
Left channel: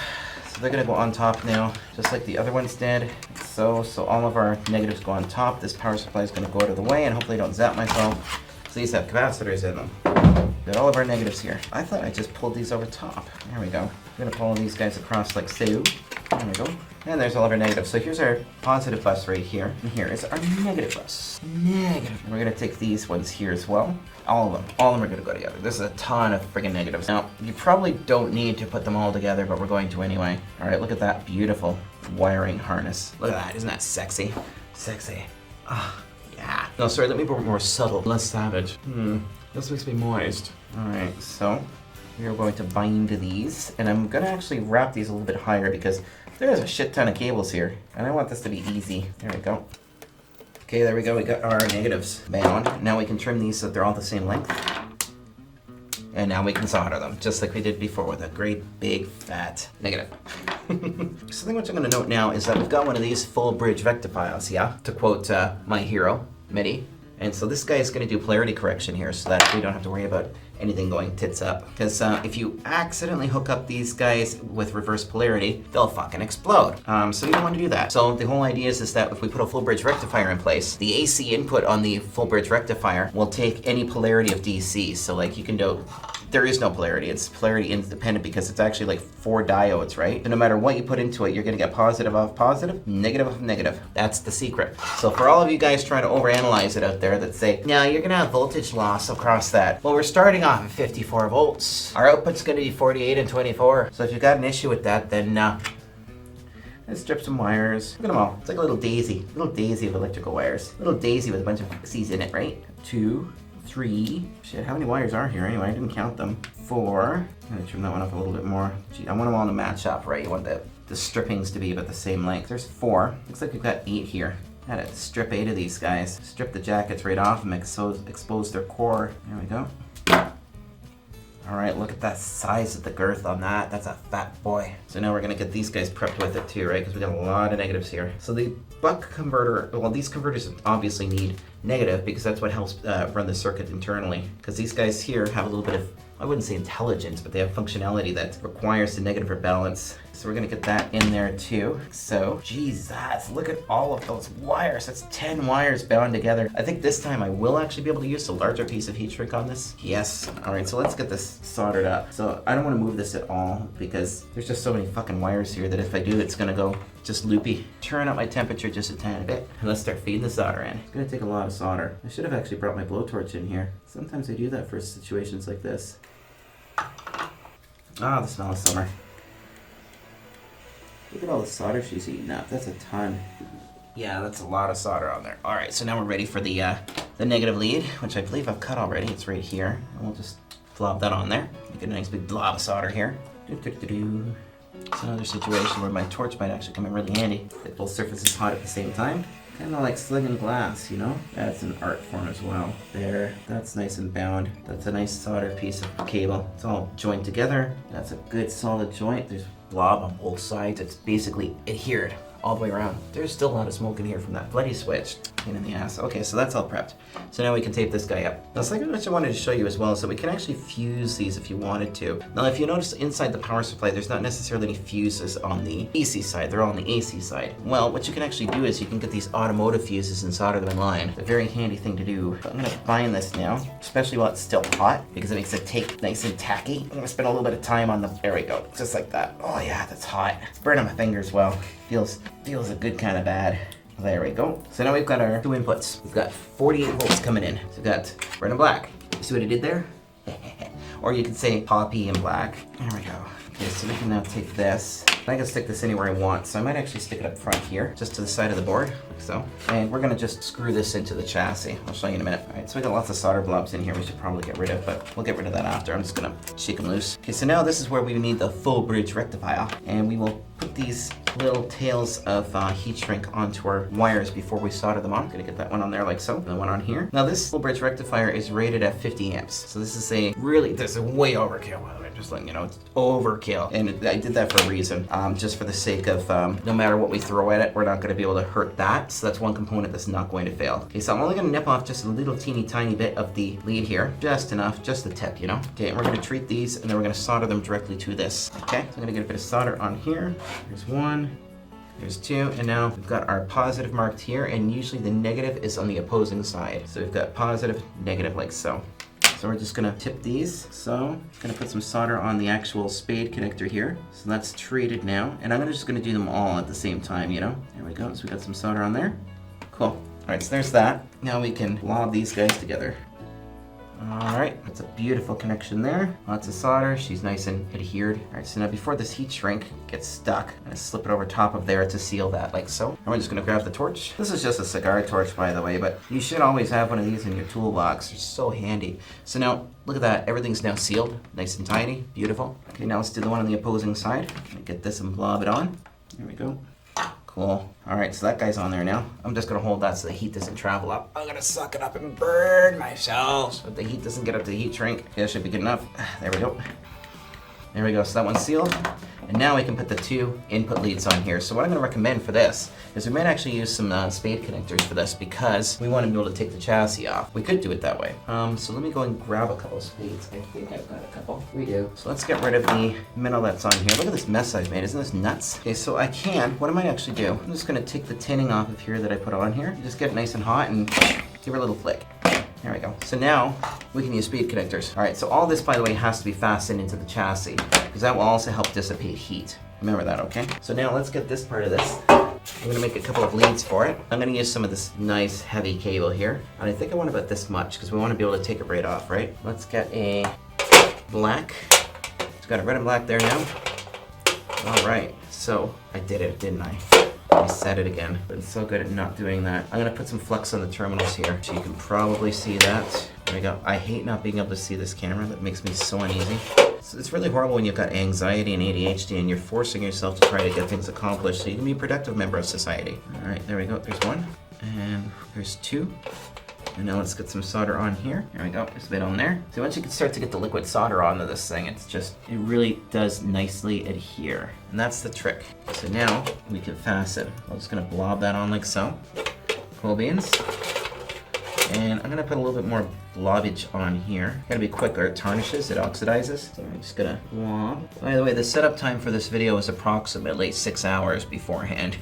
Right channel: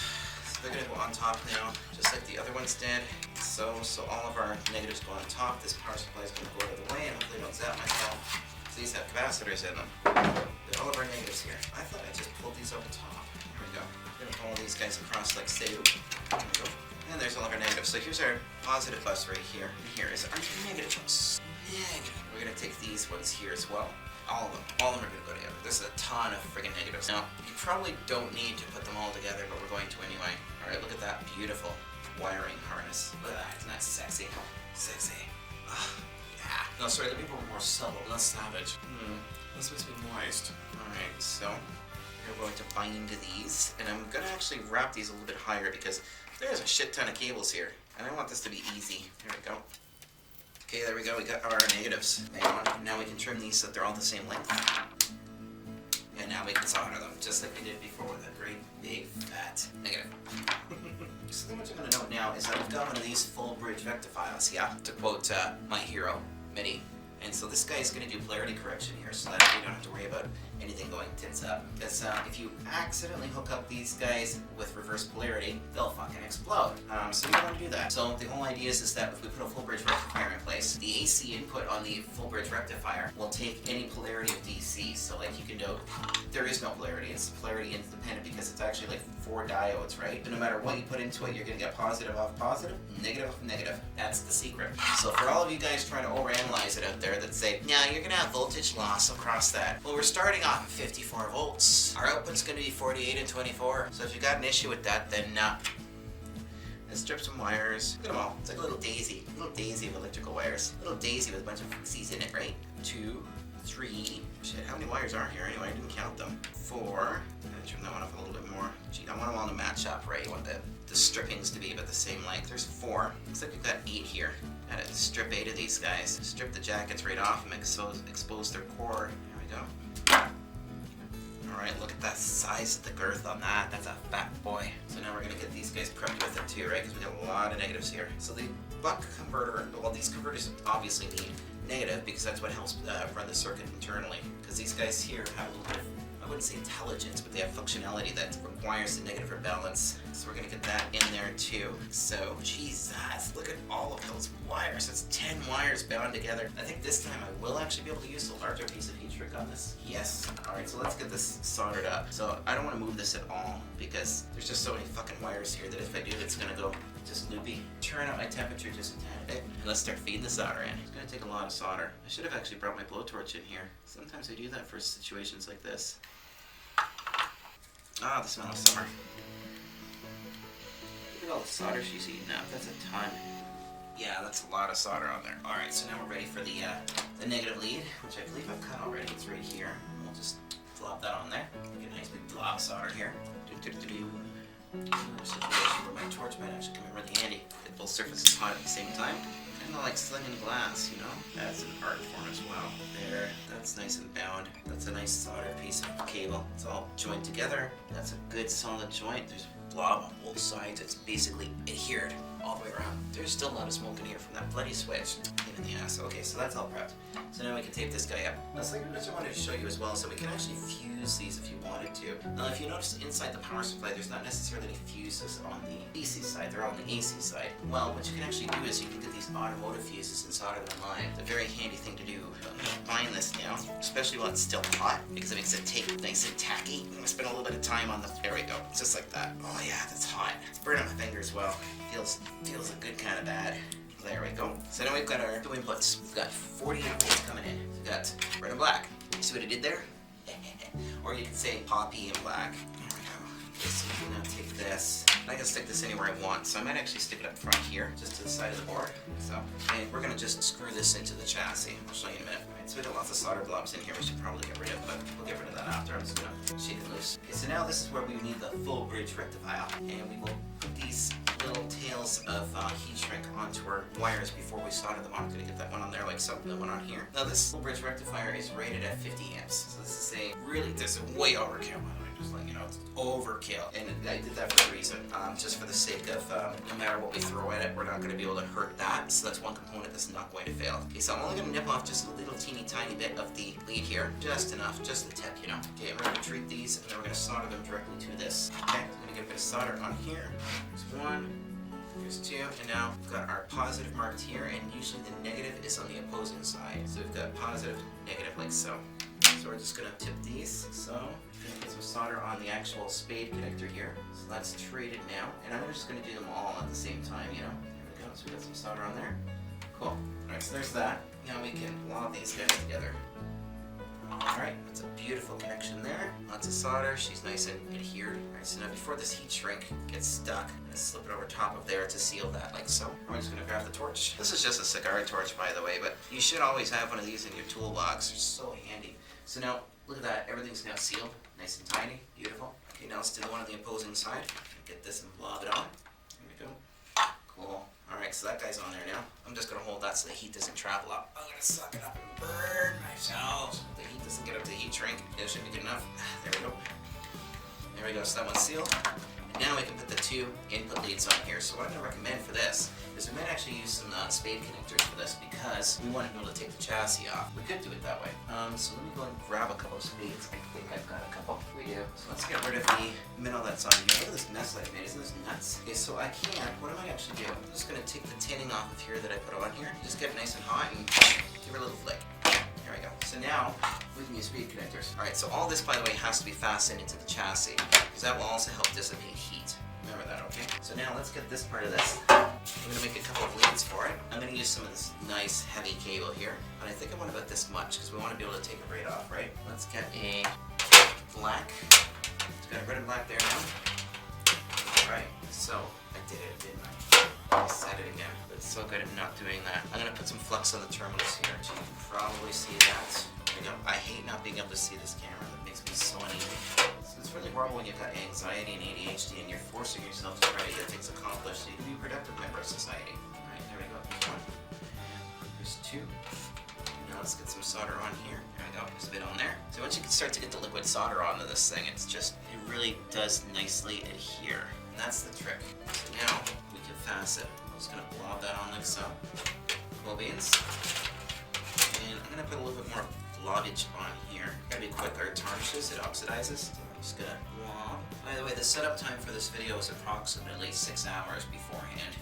They're going to go on top now, just like the other ones did. So all of our negatives go on top. This power supply is going to go out of the way, and hopefully I don't zap myself. So these have capacitors in them. Got all of our negatives here. I thought I just pulled these over top. There we go. We're going to pull these guys across like so. There we go. And there's all of our negatives. So here's our positive bus right here. And here is our negative bus. Negative. And we're going to take these ones here as well. All of them. All of them are going to go together. This is a ton of friggin' negatives. Now, you probably don't need to put them all together, but we're going to anyway. Alright, look at that beautiful wiring harness. Look at that. Isn't that sexy? Sexy. Ah, yeah. No, sorry, let me be more subtle, less savage. This makes me moist. Alright, so we are going to bind these. And I'm going to actually wrap these a little bit higher because there's a shit ton of cables here. And I want this to be easy. There we go. Okay, there we go. We got our negatives bound. Now we can trim these so that they're all the same length. And now we can solder them, just like we did before with a great big fat negative. Something which I'm going to note now is that we've got one of these full bridge rectifiers, yeah? To quote my hero, Midi. And so this guy is going to do polarity correction here so that we don't have to worry about anything going tits up. Because if you accidentally hook up these guys with reverse polarity, they'll fucking explode. So you don't want to do that. So the whole idea is that if we put a full bridge rectifier in place, the AC input on the full bridge rectifier will take any polarity of DC. So like you can do, there is no polarity. It's polarity independent because it's actually like 4 diodes, right? And no matter what you put into it, you're going to get positive off positive, negative off negative. That's the secret. So for all of you guys trying to overanalyze it out there that say, no, you're going to have voltage loss across that. Well, we're starting off at 54 volts. Our output's going to be 48 and 24. So if you've got an issue with that, then let's strip some wires. Look at them all. It's like a little daisy of electrical wires. A little daisy with a bunch of C's in it, right? 2, 3. Shit, how many wires are here anyway? I didn't count them. 4. I'm gonna trim that one up a little bit more. Gee, I want them all to match up, right? You want the strippings to be about the same length. There's 4. Looks like we've got 8 here. Gotta strip 8 of these guys. Strip the jackets right off and expose their core. There we go. Alright, look at that size of the girth on that. That's a fat boy. So now we're gonna get these guys prepped with it too, right? Because we got a lot of negatives here. So the buck converter, well, these converters obviously need negative because that's what helps run the circuit internally. Because these guys here have a little bit of, I wouldn't say intelligence, but they have functionality that requires the negative rebalance. So we're gonna get that in there too. So, Jesus, look at all of those wires. That's 10 wires bound together. I think this time I will actually be able to use a larger piece of heat shrink on this. Yes. All right, so let's get this soldered up. So I don't wanna move this at all because there's just so many fucking wires here that if I do, it's gonna go just loopy. Turn up my temperature just a tiny bit. And let's start feeding the solder in. It's gonna take a lot of solder. I should have actually brought my blowtorch in here. Sometimes I do that for situations like this. Ah, the smell of summer. Look at all the solder she's eating up. That's a ton. Yeah, that's a lot of solder on there. All right, so now we're ready for the negative lead, which I believe I've cut already. It's right here. And we'll just flop that on there. Make a nice big blob of solder here. It's another situation where my torch might actually come in really handy. If both surfaces hot at the same time. Kind of like slinging glass, you know? That's an art form as well. There, that's nice and bound. That's a nice soldered piece of cable. It's all joined together. That's a good solid joint. There's blob on both sides. It's basically adhered all the way around. There's still a lot of smoke in here from that bloody switch. Pain in the ass. Okay, so that's all prepped. So now we can tape this guy up. Now, something which I wanted to show you as well is that we can actually fuse these if you wanted to. Now, if you notice inside the power supply, there's not necessarily any fuses on the DC side. They're all on the AC side. Well, what you can actually do is you can get these automotive fuses and solder them in line. It's a very handy thing to do. I'm gonna bind this now, especially while it's still hot, because it makes it take nice and tacky. I'm gonna spend a little bit of time on the, there we go, just like that. Oh yeah, that's hot. It's burning my fingers well. Feels a good kind of bad. There we go. So now we've got our 2 inputs. We've got 48 volts coming in. So we've got red and black. You see what I did there? Or you could say poppy and black. There we go. Okay, so we can now take this. I can stick this anywhere I want, so I might actually stick it up front here, just to the side of the board, like so. And we're gonna just screw this into the chassis. I'll show you in a minute. All right, so we got lots of solder blobs in here we should probably get rid of, but we'll get rid of that after. I'm just gonna shake them loose. Okay, so now this is where we need the full bridge rectifier, and we will put these little tails of heat shrink onto our wires before we solder them on. I'm gonna get that one on there like so, and the one on here. Now this full bridge rectifier is rated at 50 amps, so this is a really, this is way overkill. Just letting you know, it's overkill. And I did that for a reason, just for the sake of no matter what we throw at it, we're not going to be able to hurt that. So that's one component that's not going to fail. Okay, so I'm only going to nip off just a little teeny tiny bit of the lead here. Just enough, just the tip, you know? Okay, and we're going to treat these and then we're going to solder them directly to this. Okay, so I'm going to get a bit of solder on here. There's 1. There's 2, and now we've got our positive marked here, and usually the negative is on the opposing side. So we've got positive, negative, like so. So we're just gonna tip these. So I'm gonna put some solder on the actual spade connector here. So that's treated now. And I'm just gonna do them all at the same time, you know? There we go, so we got some solder on there. Cool. All right, so there's that. Now we can lob these guys together. All right, that's a beautiful connection there. Lots of solder, she's nice and adhered. All right, so now before this heat shrink gets stuck, I'm gonna slip it over top of there to seal that, like so. And we're just gonna grab the torch. This is just a cigar torch, by the way, but you should always have one of these in your toolbox. They're so handy. So now, look at that, everything's now sealed, nice and tidy, beautiful. Okay, now let's do the one on the opposing side. Get this and blob it on. There we go. Cool. Alright, so that guy's on there now. I'm just gonna hold that so the heat doesn't travel up. I'm gonna suck it up and burn myself so the heat doesn't get up to the heat shrink. Yeah, should be good enough. There we go. There we go, so that one's sealed. And now we can put the 2 input leads on here. So what I'm gonna recommend for this is we might actually use some spade connectors for this because we want to be able to take the chassis off. We could do it that way. So let me go and grab a couple of spades. I think I've got a couple. We do. So let's get rid of the metal that's on here. Look at this mess I've made. Isn't this nuts? Okay, so what I might actually do, I'm just gonna take the tinning off of here that I put on here. Just get it nice and hot and give her a little flick. There we go. So now we can use speed connectors. All right, so all this, by the way, has to be fastened into the chassis because that will also help dissipate heat. Remember that, okay? So now let's get this part of this. I'm gonna make a couple of leads for it. I'm gonna use some of this nice heavy cable here. And I think I want about this much because we want to be able to take it right off, right? Let's get a black. It's got a red and black there now. All right, so I did it, didn't I? I said it again, but it's so good at not doing that. I'm gonna put some flux on the terminals here, so you can probably see that. There we go. I hate not being able to see this camera. That makes me so uneasy. It's really horrible when you've got anxiety and ADHD and you're forcing yourself to try to get things accomplished so you can be a productive member of society. Alright, there we go. There's one. And there's two. And now let's get some solder on here. There we go. There's a bit on there. So once you can start to get the liquid solder onto this thing, it really does nicely adhere. And that's the trick. So now we can fasten. I'm just going to blob that on like so. Cool beans. And I'm going to put a little bit more blobbage on here. Gotta be quicker. It tarnishes, it oxidizes. So I'm just gonna blob. By the way, the setup time for this video is approximately 6 hours beforehand.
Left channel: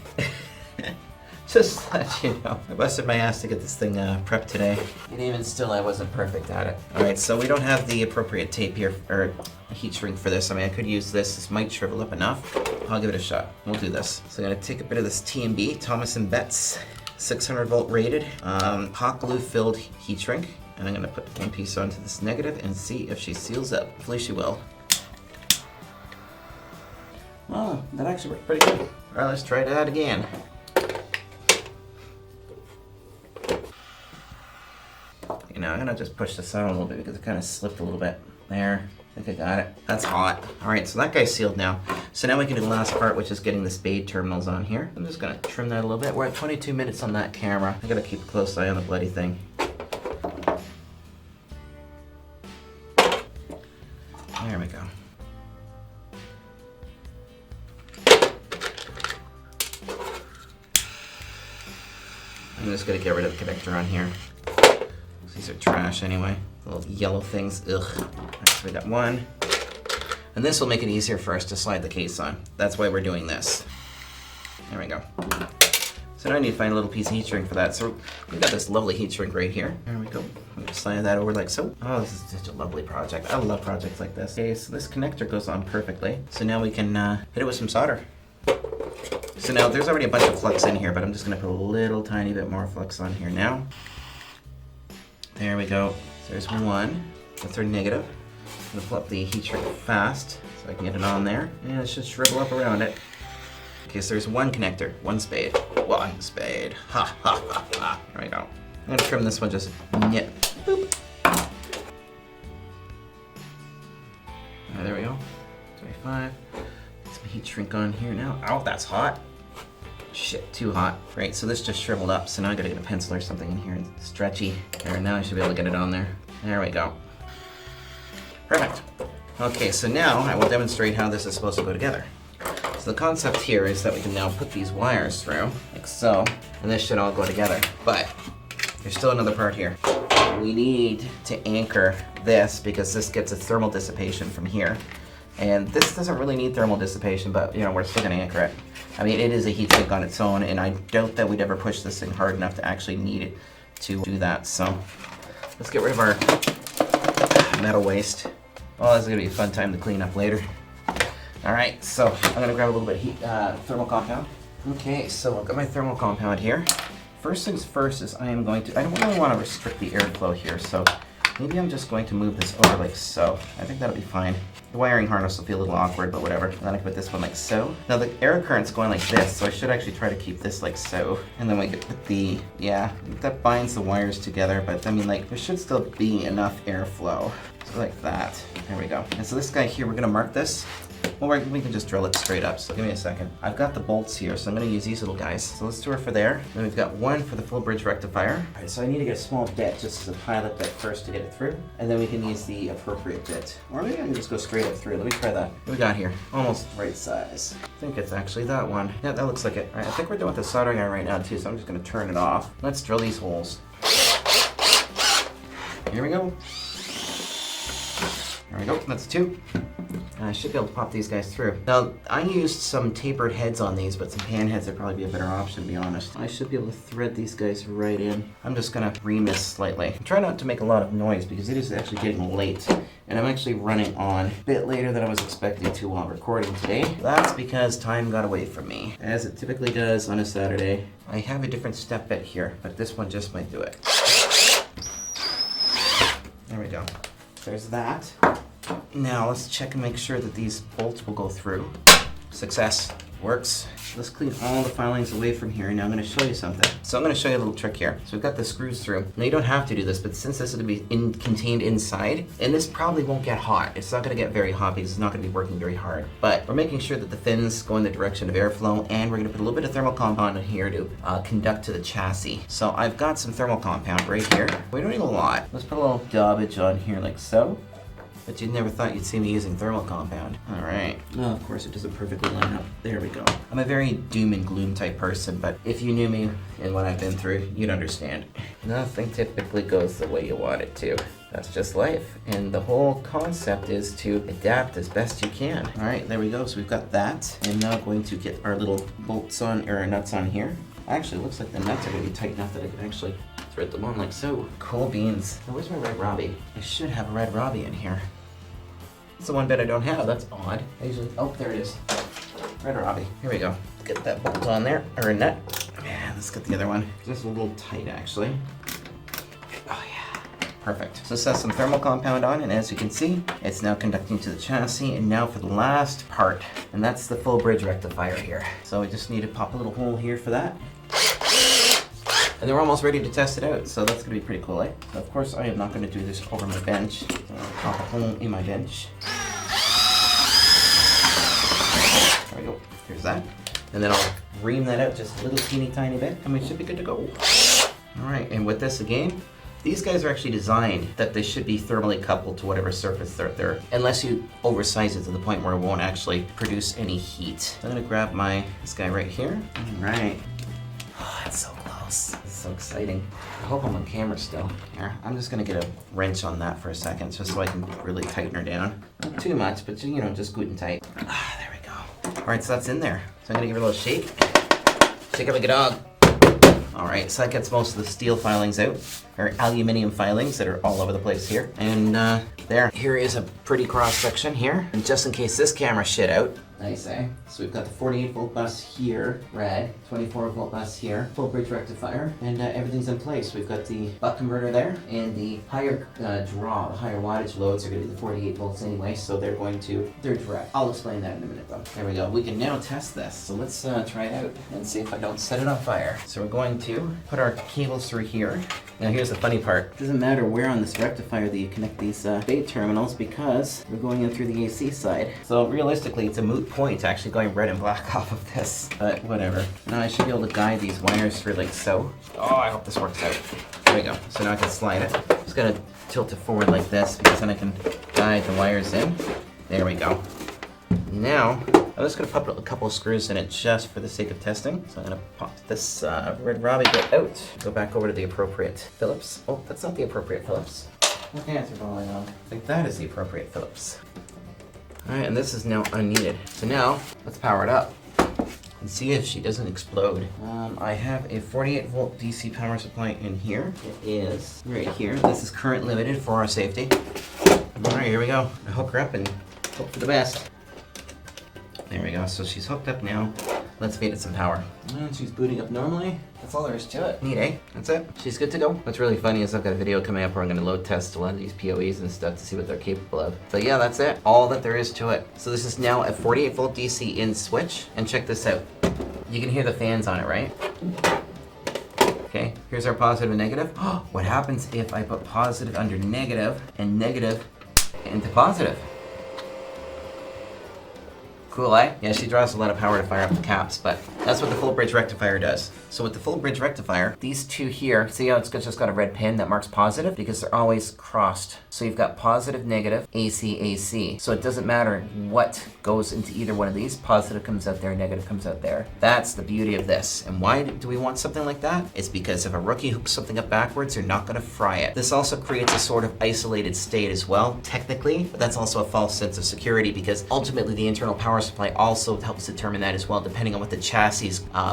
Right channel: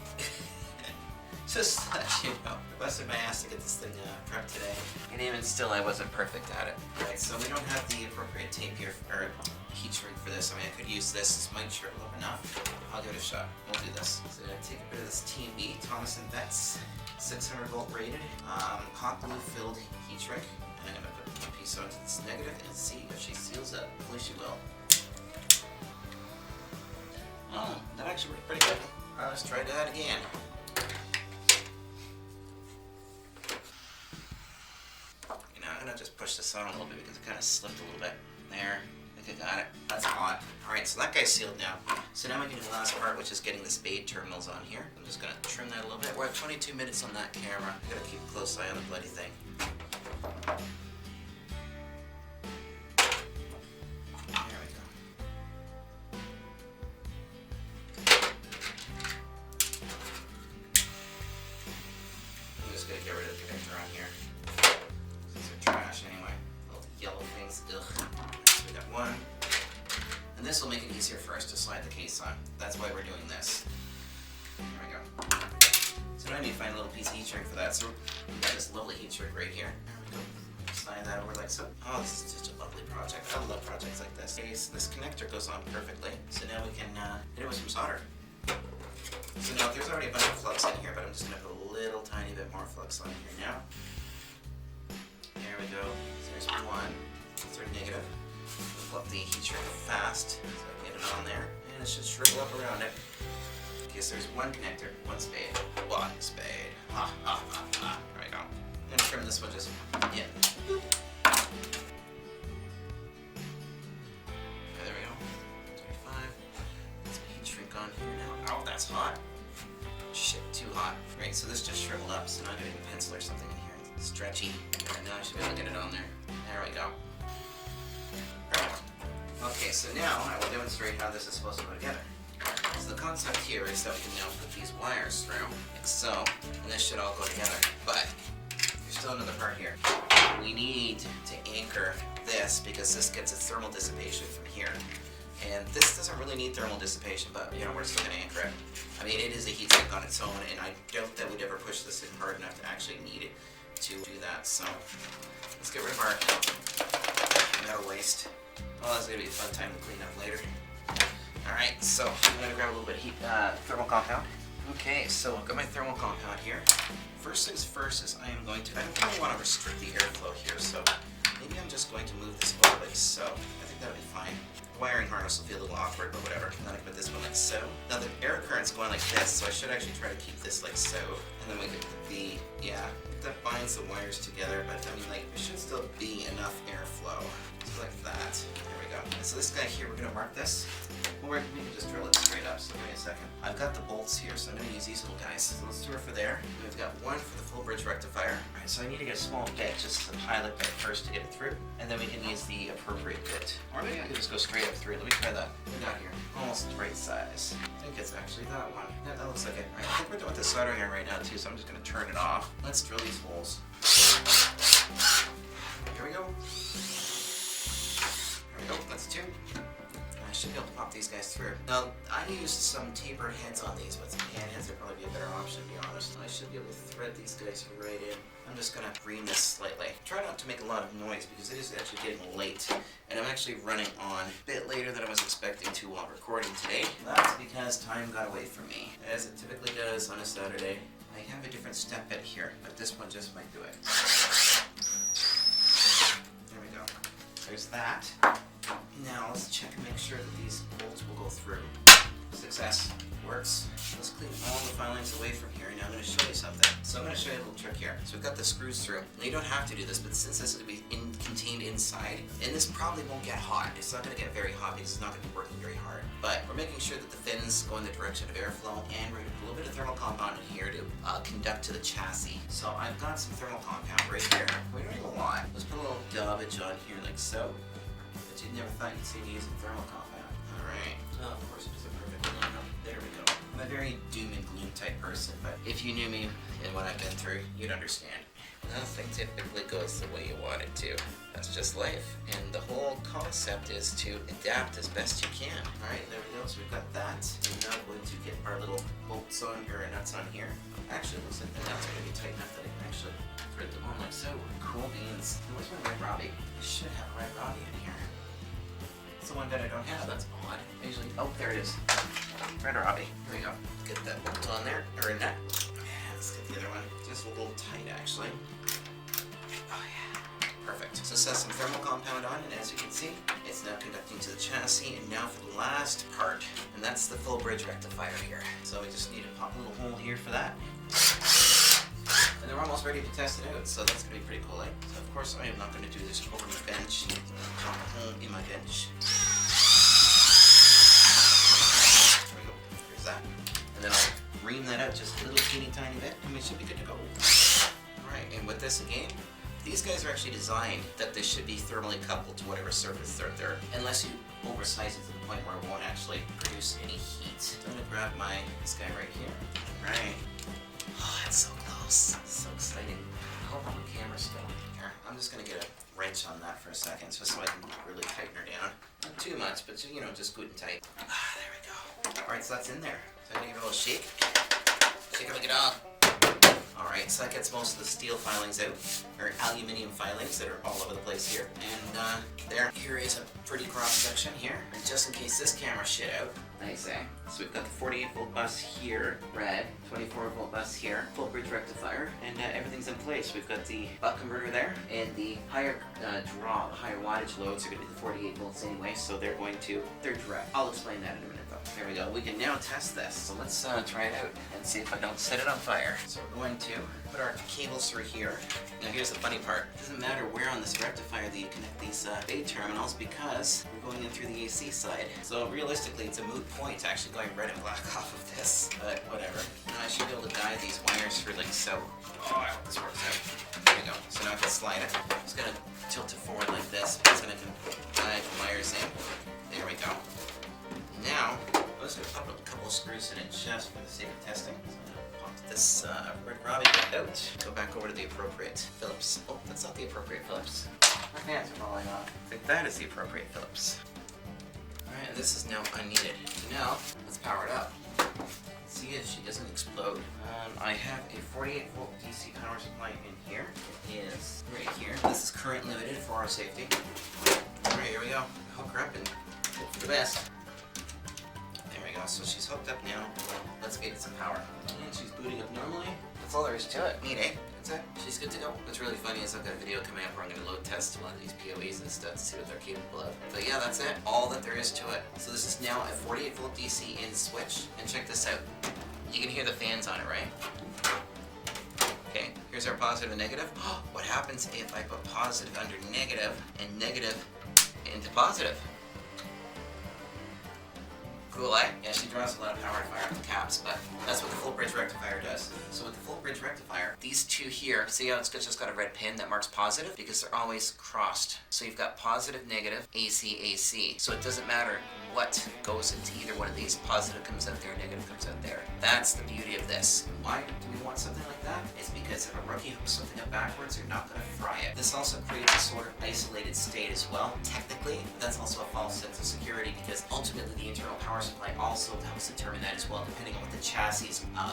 Just to let you know. I busted my ass to get this thing prepped today. And even still, I wasn't perfect at it. Alright, so we don't have the appropriate tape here, or heat shrink for this. I mean, I could use this. This might shrivel up enough. I'll give it a shot. We'll do this. So I'm gonna take a bit of this TMB, Thomas & Betts, 600 volt rated, hot glue filled heat shrink. And I'm gonna put one piece onto this negative and see if she seals up. Hopefully she will. Oh, that actually worked pretty good. Alright, let's try that again. You know, I'm gonna just push this out a little bit because it kind of slipped a little bit. There, I think I got it. That's hot. Alright, so that guy's sealed now. So now we can do the last part, which is getting the spade terminals on here. I'm just gonna trim that a little bit. We're at 22 minutes on that camera. I gotta keep a close eye on the bloody thing. There we go. I'm just gonna get rid of the connector on here. These are trash anyway. Little yellow things. Ugh. Alright, so we got one. And this will make it easier for us to slide the case on. That's why we're doing this. There we go. So now I need to find a little piece of heat shrink for that. So we've got this lovely heat shrink right here. There we go. I'm gonna slide that over like so. Oh, this is such a lovely project. I love projects like this. Okay, so this connector goes on perfectly. So now we can hit it with some solder. So now there's already a bunch of flux in here, but I'm just gonna put a little tiny bit more flux on here now. There we go. So there's one. That's our negative. I'm gonna pull up the heat shrink fast so I can get it on there. And it should shrivel up around it. Okay, so there's one connector, one spade. One spade. Ha ha ha ha. There we go. I'm gonna trim this one just nip. Boop. There we go. 25. Let's heat shrink on here now. Oh, that's hot. Shit, too hot. Right, so this just shriveled up, so now I gotta get a pencil or something in here. It's stretchy. There, now I should be able to get it on there. There we go. Perfect. Okay, so now I will demonstrate how this is supposed to go together. So the concept here is that we can now put these wires through, like so, and this should all go together. But there's still another part here. We need to anchor this because this gets a thermal dissipation from here. And this doesn't really need thermal dissipation, but you know, we're still gonna anchor it. I mean, it is a heat sink on its own, and I doubt that we'd ever push this thing hard enough to actually need it to do that. So let's get rid of our metal waste. Oh, this is gonna be a fun time to clean up later. All right, so I'm gonna grab a little bit of thermal compound. Okay, so I've got my thermal compound here. First things first is I don't really want to restrict the airflow here, so maybe I'm just going to move this over like so. I think that'll be fine. The wiring harness will feel a little awkward, but whatever. Then I can put this one like so. Now the air current's going like this, so I should actually try to keep this like so. And then we can put the, yeah, that binds the wires together, but I mean like, there should still be enough airflow. So like that. There we go. And so this guy here, we're gonna mark this. Well, we can just drill it straight up, so give me a second. I've got the bolts here, so I'm gonna use these little guys. So let's do it for there. Then we've got one for the full bridge rectifier. All right, so I need to get a small bit, just the pilot bit first to get it through. And then we can use the appropriate bit. Or maybe I can just go straight up through. Let me try that. What do we got here? Almost right size. I think it's actually that one. Yeah, that looks like it. All right, I think we're done with the soldering iron right now too, so I'm just gonna turn it off. Let's drill these holes. Here we go. There we go, that's two. I should be able to pop these guys through. Now, I used some tapered heads on these, but some pan heads would probably be a better option, to be honest. I should be able to thread these guys right in. I'm just gonna ream this slightly. Try not to make a lot of noise because it is actually getting late. And I'm actually running on a bit later than I was expecting to while recording today. That's because time got away from me, as it typically does on a Saturday. I have a different step bit here, but this one just might do it. There we go. There's that. Now let's check and make sure that these bolts will go through. Success. Works. Let's clean all the filings away from here, and now I'm going to show you something. So I'm going to show you a little trick here. So we've got the screws through. Now you don't have to do this, but since this is going to be contained inside, and this probably won't get hot. It's not going to get very hot because it's not going to be working very hard. But we're making sure that the fins go in the direction of airflow, and we're going to put a little bit of thermal compound in here to conduct to the chassis. So I've got some thermal compound right here. We don't need a lot. Let's put a little daubage on here like so. But you never thought you'd see me using thermal compound. Alright. Well, of course it doesn't perfectly line up. There we go. I'm a very doom and gloom type person, but if you knew me and what I've been through, you'd understand. Nothing typically goes the way you want it to. That's just life. And the whole concept is to adapt as best you can. Alright, there we go. So we've got that. I'm now going to get our little bolts on, or nuts on here. Actually, it looks like the nuts are going to be tight enough that I can actually thread them on like so. Cool beans. Oh, where's my red Robbie? I should have a red Robbie in here. It's the one bit I don't have. That's odd. I usually... Oh, there it is. Red Robbie. Here we go. Get that bolt on there, or a nut. Man, let's get the other one. Just a little tight, actually. Oh, yeah. Perfect. So this has some thermal compound on, and as you can see, it's now conducting to the chassis. And now for the last part, and that's the full bridge rectifier here. So we just need to pop a little hole here for that. And they're almost ready to test it out, so that's going to be pretty cool, eh? So of course I am not going to do this over my bench. So I'll pop a hole in my bench. There we go. Here's that. And then I'll ream that out just a little teeny tiny bit, and we should be good to go. Alright, and with this again, these guys are actually designed that they should be thermally coupled to whatever surface they're there, unless you oversize it to the point where it won't actually produce any heat. So I'm going to grab this guy right here. Alright. Oh, that's so close. So exciting. I hope I'm on camera still. Here, I'm just gonna get a wrench on that for a second, just so I can really tighten her down. Not too much, but you know, just good and tight. Ah, there we go. All right, so that's in there. So I'm gonna give her a little shake. Shake it like a dog. All right, so that gets most of the steel filings out, or aluminum filings that are all over the place here. And there. Here is a pretty cross section here. And just in case this camera shit out, I say. So we've got the 48 volt bus here, red, 24 volt bus here, full bridge rectifier, and everything's in place. We've got the buck converter there, and the higher draw, the higher wattage loads are going to be the 48 volts anyway, so they're direct. I'll explain that in a minute though. There we go. We can now test this. So let's try it out and see if I don't set it on fire. So we're going to put our cables through here. Now here's the funny part. It doesn't matter where on this rectifier that you connect these bay terminals because we're going in through the AC side. So realistically, it's a moot point actually going red and black off of this, but whatever. Now I should be able to guide these wires through like so. Oh, I hope this works out. There we go. So now I can slide it. Just gonna tilt it forward like this because then I can guide the wires in. There we go. Now, I'm just going to pop a couple of screws in it just for the sake of testing. So I'm going to pop this red Robbie bit out. Go back over to the appropriate Phillips. Oh, that's not the appropriate Phillips. My hands are rolling on. I think that is the appropriate Phillips. Alright, and this is now unneeded. So now, let's power it up and see if she doesn't explode. I have a 48 volt DC power supply in here. It is right here. This is current limited for our safety. Alright, here we go. I hook her up and hope for the best. There we go, so she's hooked up now. Let's feed it some power. And she's booting up normally. That's all there is to it. Neat, eh? That's it. She's good to go. What's really funny is I've got a video coming up where I'm going to load test a lot of these PoEs and stuff to see what they're capable of. But yeah, that's it. All that there is to it. So this is now a 48 volt DC in switch. And check this out. You can hear the fans on it, right? Okay, here's our positive and negative. What happens if I put positive under negative and negative into positive? Cool, eh? Yeah, she draws a lot of power to fire up the caps, but that's what the full bridge rectifier does. So with the full bridge rectifier, these two here, see how it's just got a red pin that marks positive? Because they're always crossed. So you've got positive, negative, AC, AC. So it doesn't matter what goes into either one of these. Positive comes out there, negative comes out there. That's the beauty of this. And why do we want something like that? It's because if a rookie hooks something up backwards, they're not gonna fry it. This also creates a sort of isolated state as well, technically, but that's also a false sense of security because ultimately the internal power supply also helps determine that as well, depending on what the chassis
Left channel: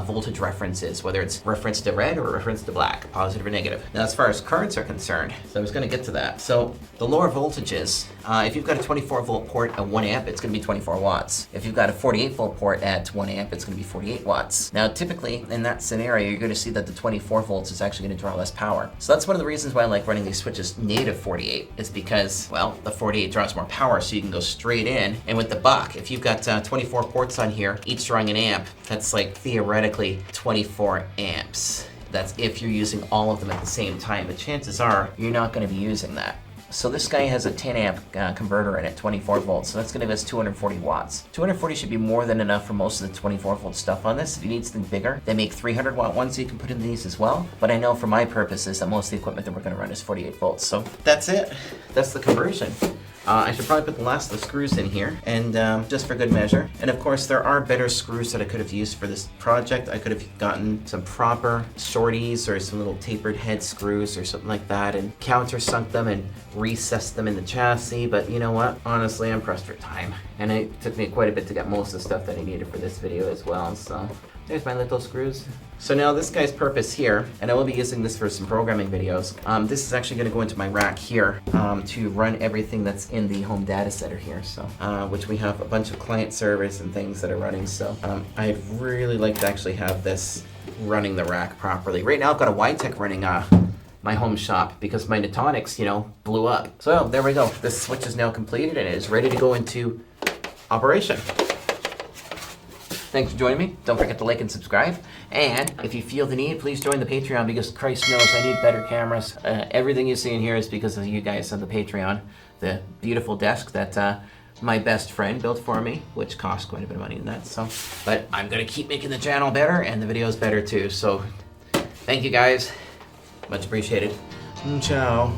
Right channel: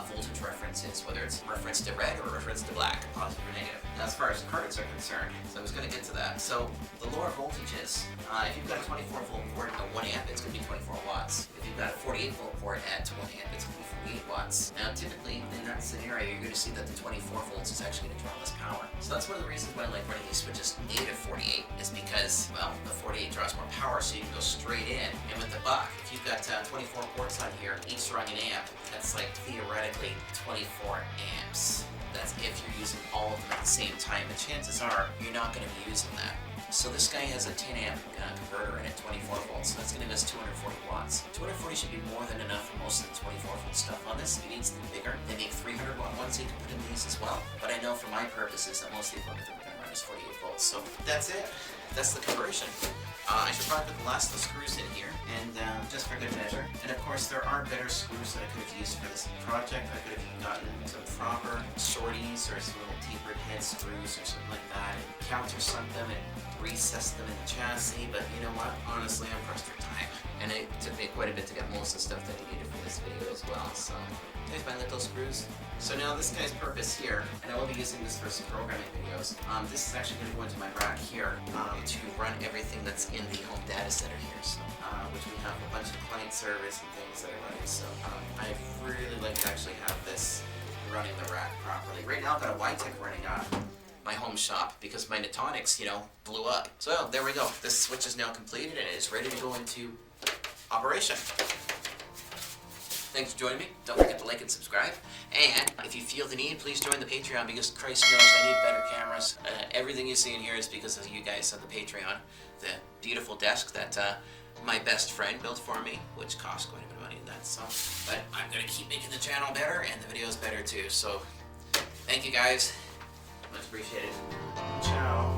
voltage reference is, whether it's reference to red or reference to black, positive or negative. Now, as far as currents are concerned, so I was going to get to that. So the lower voltages, if you've got a 24 volt port at 1 amp, it's going to be 24 watts. If you've got a 48 volt port at 1 amp, it's going to be 48 watts. Now, typically in that scenario, you're going to see that the 24 volts is actually going to draw less power. So that's one of the reasons why I like running these switches native 48 is because, well, the 48 draws more power, so you can go straight in. And with the buck, if you've got 24 ports on here, each drawing an amp. That's like theoretically 24 amps. That's if you're using all of them at the same time, but chances are you're not going to be using that. So this guy has a 10 amp converter in it, 24 volts, so that's going to give us 240 watts. 240 should be more than enough for most of the 24 volt stuff on this. If you need something bigger, they make 300 watt ones so you can put in these as well. But I know for my purposes that most of the equipment that we're going to run is 48 volts. So that's it. That's the conversion. I should probably put the last of the screws in here, and just for good measure. And of course, there are better screws that I could have used for this project. I could have gotten some proper shorties or some little tapered head screws or something like that and countersunk them and recessed them in the chassis, but you know what? Honestly, I'm pressed for time. And it took me quite a bit to get most of the stuff that I needed for this video as well, so there's my little screws. So now this guy's purpose here, and I will be using this for some programming videos. This is actually going to go into my rack here to run everything that's in the home data center here. So, which we have a bunch of client servers and things that are running. So I'd really like to actually have this running the rack properly. Right now I've got a Wi-Tech running my home shop because my Nutanix, blew up. So there we go. This switch is now completed and it is ready to go into operation. Thanks for joining me. Don't forget to like and subscribe. And if you feel the need, please join the Patreon because Christ knows I need better cameras. Everything you see in here is because of you guys on the Patreon. The beautiful desk that my best friend built for me, which cost quite a bit of money in that. So, but I'm gonna keep making the channel better and the videos better too. So thank you guys. Much appreciated. Ciao.